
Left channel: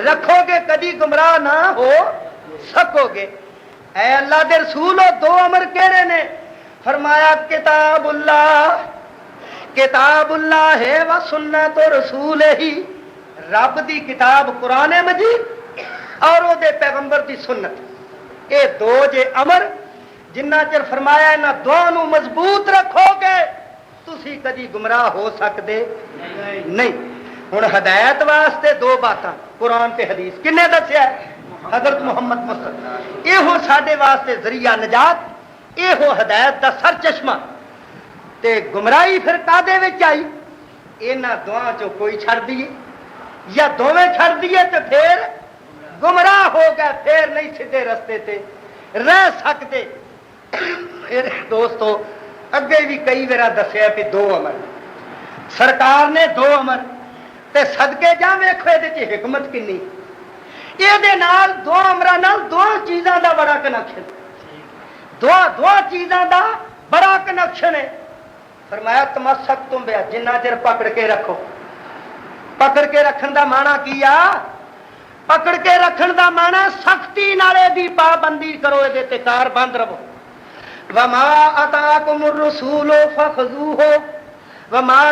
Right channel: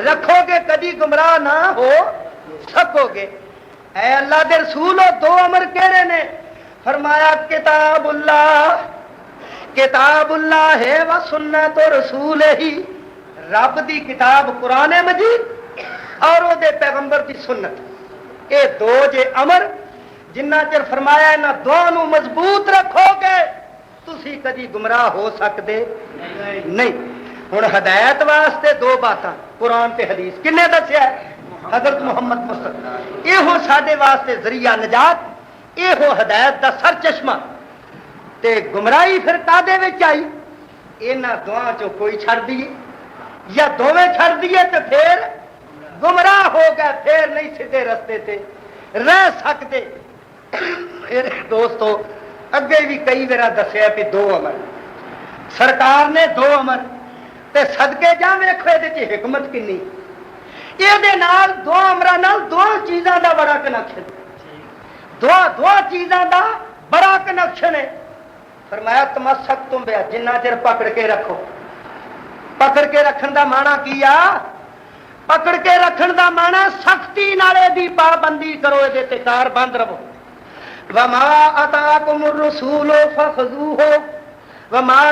رکھو گے کبھی گمراہ نہ ہو سکو گے. اے اللہ دے رسول 2 امر کہڑے نے؟ فرمایا کتاب اللہ ہے و سنت رسول ہی. رب دی کتاب قرآن مجید اور وہ دے پیغمبر دی سنت. یہ 2 جے امر جنہ چر فرمایا انہاں دونوں نو مضبوط رکھو گے تسی کدی گمراہ ہو سکتے نہیں. ہن ہدایت واسطے 2 باتاں قرآن تے حدیث کنے دسیا ہے؟ حضرت محمد مصطفیٰ. یہ ساڈے واسطے ذریعہ نجات. یہ ہدایت دا سر چشمہ. تے گمراہی پھر کادے وچ آئی؟ ਇਹਨਾਂ ਦੋਵਾਂ ਚੋਂ ਕੋਈ ਛੱਡ ਦਈਏ ਜਾਂ ਦੋਵੇਂ ਛੱਡ ਦਈਏ ਤੇ ਫੇਰ ਗੁੰਮਰਾਹ ਹੋ ਗਏ, ਫੇਰ ਨਹੀਂ ਸਿੱਧੇ ਰਸਤੇ ਤੇ ਰਹਿ ਸਕਦੇ। ਫਿਰ ਦੋਸਤੋ ਅੱਗੇ ਵੀ ਕਈ ਵਾਰ ਦੱਸਿਆ ਵੀ 2 ਅਮਰ ਸਰਕਾਰ ਨੇ 2 ਅਮਰ ਤੇ ਸਦਕੇ ਜਾ ਵੇਖੋ ਇਹਦੇ ਚ ਹਕਮਤ ਕਿੰਨੀ। ਇਹਦੇ ਨਾਲ 2 ਅਮਰਾਂ ਨਾਲ 2 ਚੀਜ਼ਾਂ ਦਾ ਬੜਾ ਕਨੈਕਸ਼ਨ, 2 ਚੀਜ਼ਾਂ ਦਾ ਬੜਾ ਕਨੈਕਸ਼ਨ ਹੈ। ਫਰਮਾਇਆ ਤਮਸਕ ਤੁਮ ਬਿਆ, ਜਿੰਨਾ ਚਿਰ ਪਕੜ ਕੇ ਰੱਖੋ। ਪਕੜ ਕੇ ਰੱਖਣ ਦਾ ਮਾਣਾ ਕੀ ਆ? ਪਕੜ ਕੇ ਰੱਖਣ ਦਾ ਮਾਣਾ ਸਖਤੀ ਨਾਲ ਇਹਦੀ ਪਾਬੰਦੀ ਕਰੋ, ਇਹਦੇ ਤੇ ਕਾਰਬੰਦ ਰਹੋ। ਵਮਾ ਅਤਾਕੁਮ ਰਸੂਲ ਫਖਜ਼ੂਹੂ ਵਮਾ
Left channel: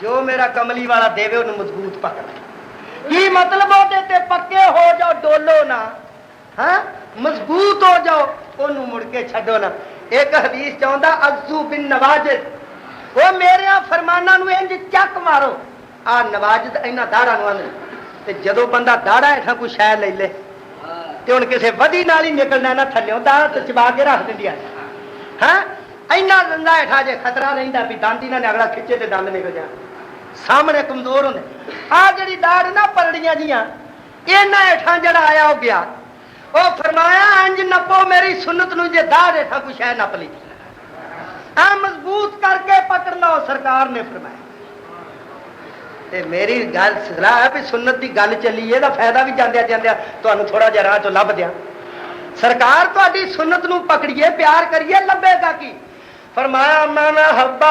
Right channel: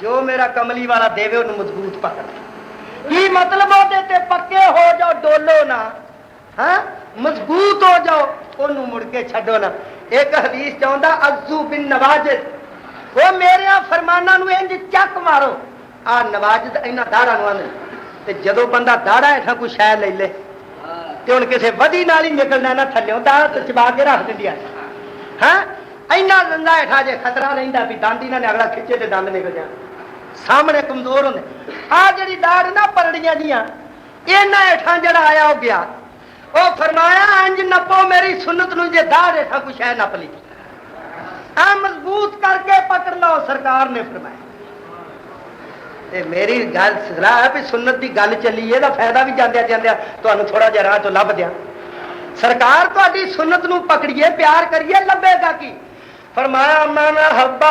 ਜੋ ਮੇਰਾ ਕਮਲੀ ਵਾਲਾ ਦੇਵੇ ਉਹਨੂੰ ਮਜ਼ਬੂਤ ਪਕੜ। ਕੀ ਮਤਲਬ? ਉਹਦੇ ਤੇ ਪੱਕੇ ਹੋ ਜਾਓ, ਡੋਲੋ ਨਾ, ਹਾਂ ਮਜ਼ਬੂਤ ਹੋ ਜਾਓ, ਉਹਨੂੰ ਮੁੜ ਕੇ ਛੱਡੋ ਨਾ। ਇੱਕ ਹਦੀਸ ਚਾਹੁੰਦਾ ਅਜ਼ੂ ਬਿਨ ਨਵਾਜਿਦ, ਉਹ ਮੇਰੇ ਫਰਮਾਨਾਂ ਨੂੰ ਇੰਜ ਚੱਕ ਮਾਰੋ। ਆ ਨਵਾਜਿਦ ਇਹਨਾਂ ਦਾੜਾਂ ਨੂੰ ਆਨੇ ਤੇ ਜਦੋਂ ਬੰਦਾ ਦਾੜਾ ਐਸਾ ਕੋਈ ਸ਼ੈ ਲੈ ਲੇ ਤੇ ਹੁਣ ਕਿਸੇ ਵਧੀ ਨਾਲ ਹੀ ਨਿਕਲਣਾ ਨਾ, ਥੱਲਿਓਂ ਦਾੜ ਤੇ ਚਬਾ ਕੇ ਰੱਖ ਦਿੰਦੀ ਆ। ਹਾਂ ਇੰਨਾ ਦੰਦਾ ਹੇਠਾਂ ਜੇ ਖਤਰਾ ਰਹਿੰਦਾ ਵੀ ਦੰਦ ਇਹਨਾਂ ਨੇ ਅਗਲਾ ਖਿੱਚੇ ਤੇ ਦੰਦ ਨਿਕਲ ਜਾਣ, ਸਾਹਮਣੇ ਕਮਜ਼ੋਰ ਹੁੰਦੇ। ਆ ਜਿਹੜੀ ਦਾੜ ਨਾ ਪਰੜੀਆਂ ਜੀਆਂ, ਇਹਨਾਂ ਹੇਠਾਂ ਜਿਹੜਾ ਆਇਆ ਉਹ ਗਿਆ। ਉਹ ਫਰਮਾਇਆ ਇੰਜ ਨੱਪੋ ਮੇਰੀ ਸੁਨਤ ਨੂੰ, ਜੇ ਦਾੜ ਹੇਠਾਂ ਕੋਈ ਸ਼ੈ ਨੱਪ ਲਈ ਆ ਮਜ਼ਬੂਤ ਕਰਕੇ ਪਕੜ ਲਓ। ਸਰਕਾਰ ਨੇ ਫਰਮਾਇਆ। ਤੇ ਮੇਰੀ ਗੱਲ ਸਲਾਹ ਹੈ ਵੀ ਸੁਨਤ ਦੀ ਗੱਲ ਚੱਲੀ, ਇਹਦਾ ਫਾਇਦਾ ਵੀ ਜਾਂਦਿਆਂ ਜਾਂਦਿਆਂ ਤੁਹਾਨੂੰ ਥੋੜਾ ਜਿਹਾ ਰਾਹ ਤੋਂ ਲੱਭ ਦਿਆਂ। ਸਰਕਾਰ ਤੁਹਾਡੀ ਸੁਨਤ ਨੂੰ ਪਕੜੀਏ, ਪਿਆਰ ਕਰੀਏ, ਲੱਭੇਗਾ ਕੀ? ਫਰਮਾਇਆ ਮਨ ਹੱਬਾ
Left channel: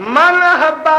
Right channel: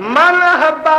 ਮਨ ਹੱਬਾ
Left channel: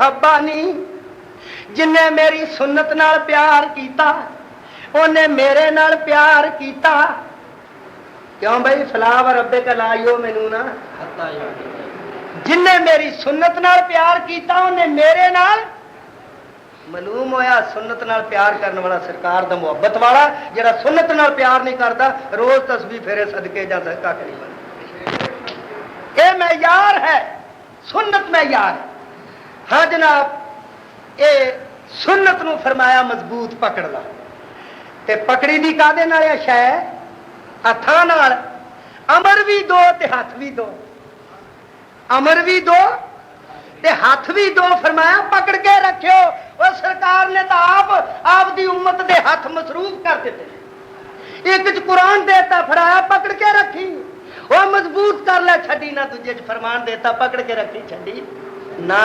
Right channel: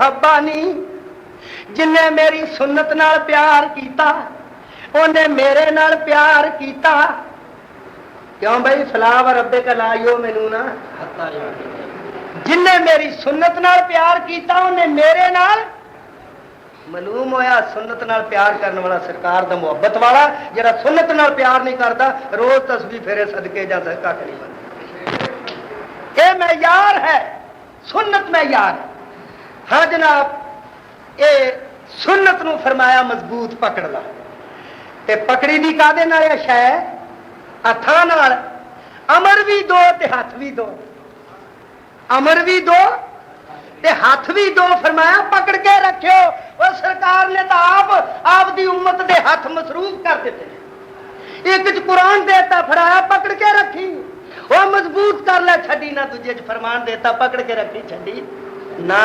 ਹੱਬਾਨੀ। ਜਿਨੇ ਮੇਰੀ ਸੁਨਤ ਨਾਲ ਪਿਆਰ ਕੀਤਾ ਉਹਨੇ ਮੇਰੇ ਨਾਲ ਪਿਆਰ ਕੀਤਾ। ਕਿਉਂ ਬਈ? ਫਲਾਹ ਰੱਬੇ ਕਾ ਲਾਇਓ ਮੈਨੂੰ ਨਾ। ਜਿਨੇ ਮੇਰੀ ਸੁਨਤ ਨਾਲ ਪਿਆਰ ਕੀਤਾ ਉਹਨੇ ਮੇਰੇ ਨਾਲ। ਮਾਲੂਮ ਹੋਇਆ ਸੁਨਤ ਨਾਲ ਪਿਆਰ ਕਰਨ ਵਾਲਾ ਸਰਕਾਰ ਦਾ ਮੁਹੱਬਤ ਵਾਲਾ, ਜਿਹੜਾ ਸੁਨਤ ਨਾਲ ਪਿਆਰ ਨਹੀਂ ਕਰਦਾ ਰੋਜ਼ ਤਸਬੀਹ ਫੇਰੇ ਸਦਕੇ ਜਾਂਦਾ, ਕੱਖ ਨਹੀਂ ਬਣਦਾ। ਇਹ ਮੈਯਾਰ ਹੈ, ਸੁਨਤ ਮੈਯਾਰ। ਹਾਂ ਜਨਾਬ, ਇਹ ਸੁਨਤ ਨੂੰ ਫਰਮਾਇਆ ਮਜ਼ਬੂਤ ਪਕੜ ਲਾ। ਤੇ ਪਕੜੀ ਦੀ ਕਾਹਦੇ ਨਾਲ ਆ? ਸ਼ੈ ਹੱਥਾਂ ਨਾਲ। ਅਮਰ ਵੀ 2 ਤੇ ਹੱਥ ਵੀ 2। ਅਮਰ ਵੀ 2 ਤੇ ਹੱਥ ਵੀ 2। ਫਰਮਾਇਆ ਪਕੜ ਕੇ ਰੱਖਿਓ। ਉਹ ਸਰਕਾਰ ਨੇ ਤਾਂ ਆਪ ਦੀ ਉਮਤ ਦੇ ਹੱਥ ਮਸਰੂਫ ਕਰ ਦਿੱਤੇ। ਇੱਕ ਚ ਕੁਰਾਨ ਦੇਤਾ, ਫੜਾਇਆ ਪਕੜ ਕੇ ਰੱਖੀ, ਉਹ ਮਜ਼ਬੂਤ ਕਰ ਲੈ, ਛੱਡੀ ਨਾ। ਦੂਜੇ ਚ ਫਰਮਾਨ ਦੇਤਾ, ਪਕੜ ਕੇ ਰੱਖੀ, ਛੱਡੀ ਨਾ।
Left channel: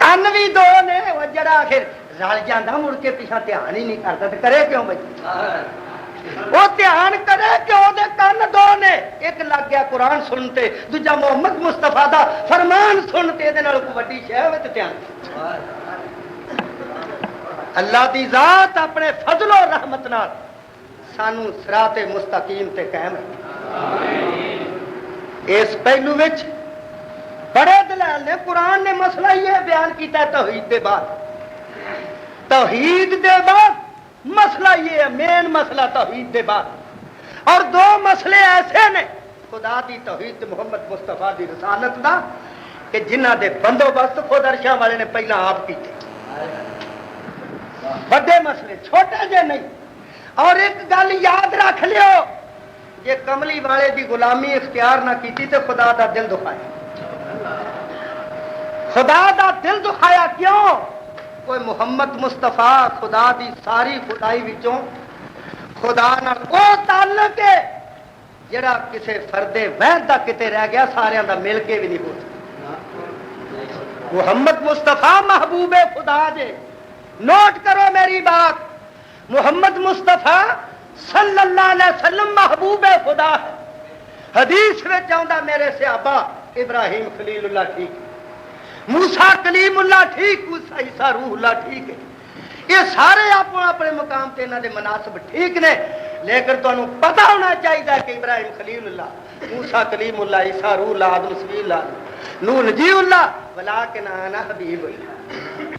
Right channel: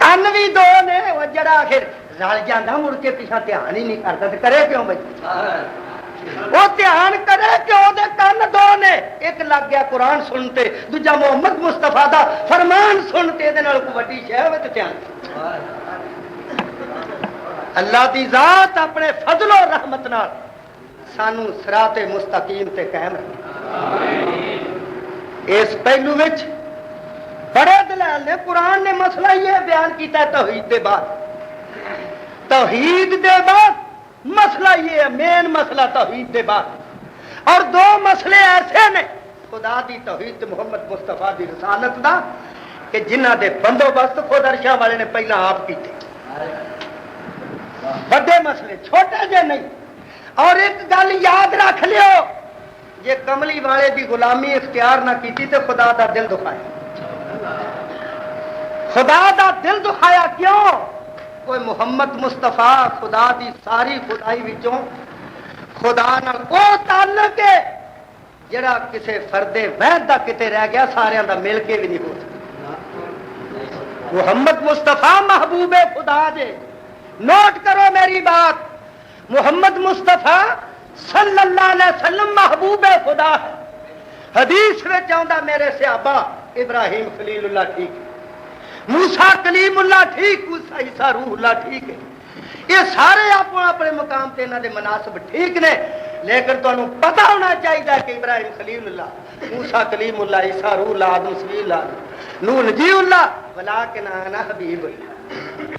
تن بھی دو نے وہ جڑا آخر رل جانا مڑ کے پیچھا دھیان ہی نہیں کرتا تو کرے کیوں بھائی وہ دھیان کرے کہ وہ کن دو نے ایک لگ گیا قرآن سنتے دوجا محمد مصطفیٰ دا فرمان سنتے یہ کوئی وڈی شے ہوے تے دھیان اللہ دی ذات اپنے فضل و رحمت نال سانو صراط مستقیم تے قائم رکھے اس پہلو وچ بڑے دلائل نے قرآن نے مسئلہ یہ بیان کیتا ہے توحید دے بعد مسئلہ یہ ہے مین مسئلہ توحید دے بعد اور دو مسئلے ایسے نے خدا دی توحید محمد مصطفیٰ دی رسالت دا کہ جنہ دے بندوبست خود عرشاں والے نے پہلا آپ کیتے بڑے مسئلے چھوٹے جے نہیں اور ایک گل یاد رکھ لیو یہ کملی والے دی غلامی اختیار نہ کیتی تے خدا دا دل دکھایا خدا دا دل دکھایا کیوں کوئی محمد مصطفیٰ خدا دی ساری خدائی وچوں خدا نال او تعلق ہے جڑا کسے فرد وحد دا کتے رہ گیا سارے دا مل کے بھی نہیں ہو سکتا محمد مصطفیٰ محبوب خدا دے نوٹ کرو میری بات محمد مصطفیٰ صلی اللہ علیہ وسلم محبوب خدا ہے حدیث میں چاہتا میرے صحابہ ابراہیم خلیل اللہ ٹھیک ہے موسیٰ کلیم اللہ ٹھیک عیسیٰ روح اللہ ٹھیک ہے یہ سارے اپنے اپنے مقام تے انہاں دے مناسب ٹھیک نے لیکن تمہیں پتہ ہونا چاہیے کہ ابراہیم خلیل اللہ موسیٰ کلیم اللہ عیسیٰ روح اللہ آدم صفی اللہ نوح نجی اللہ ولکن انا حبیب اللہ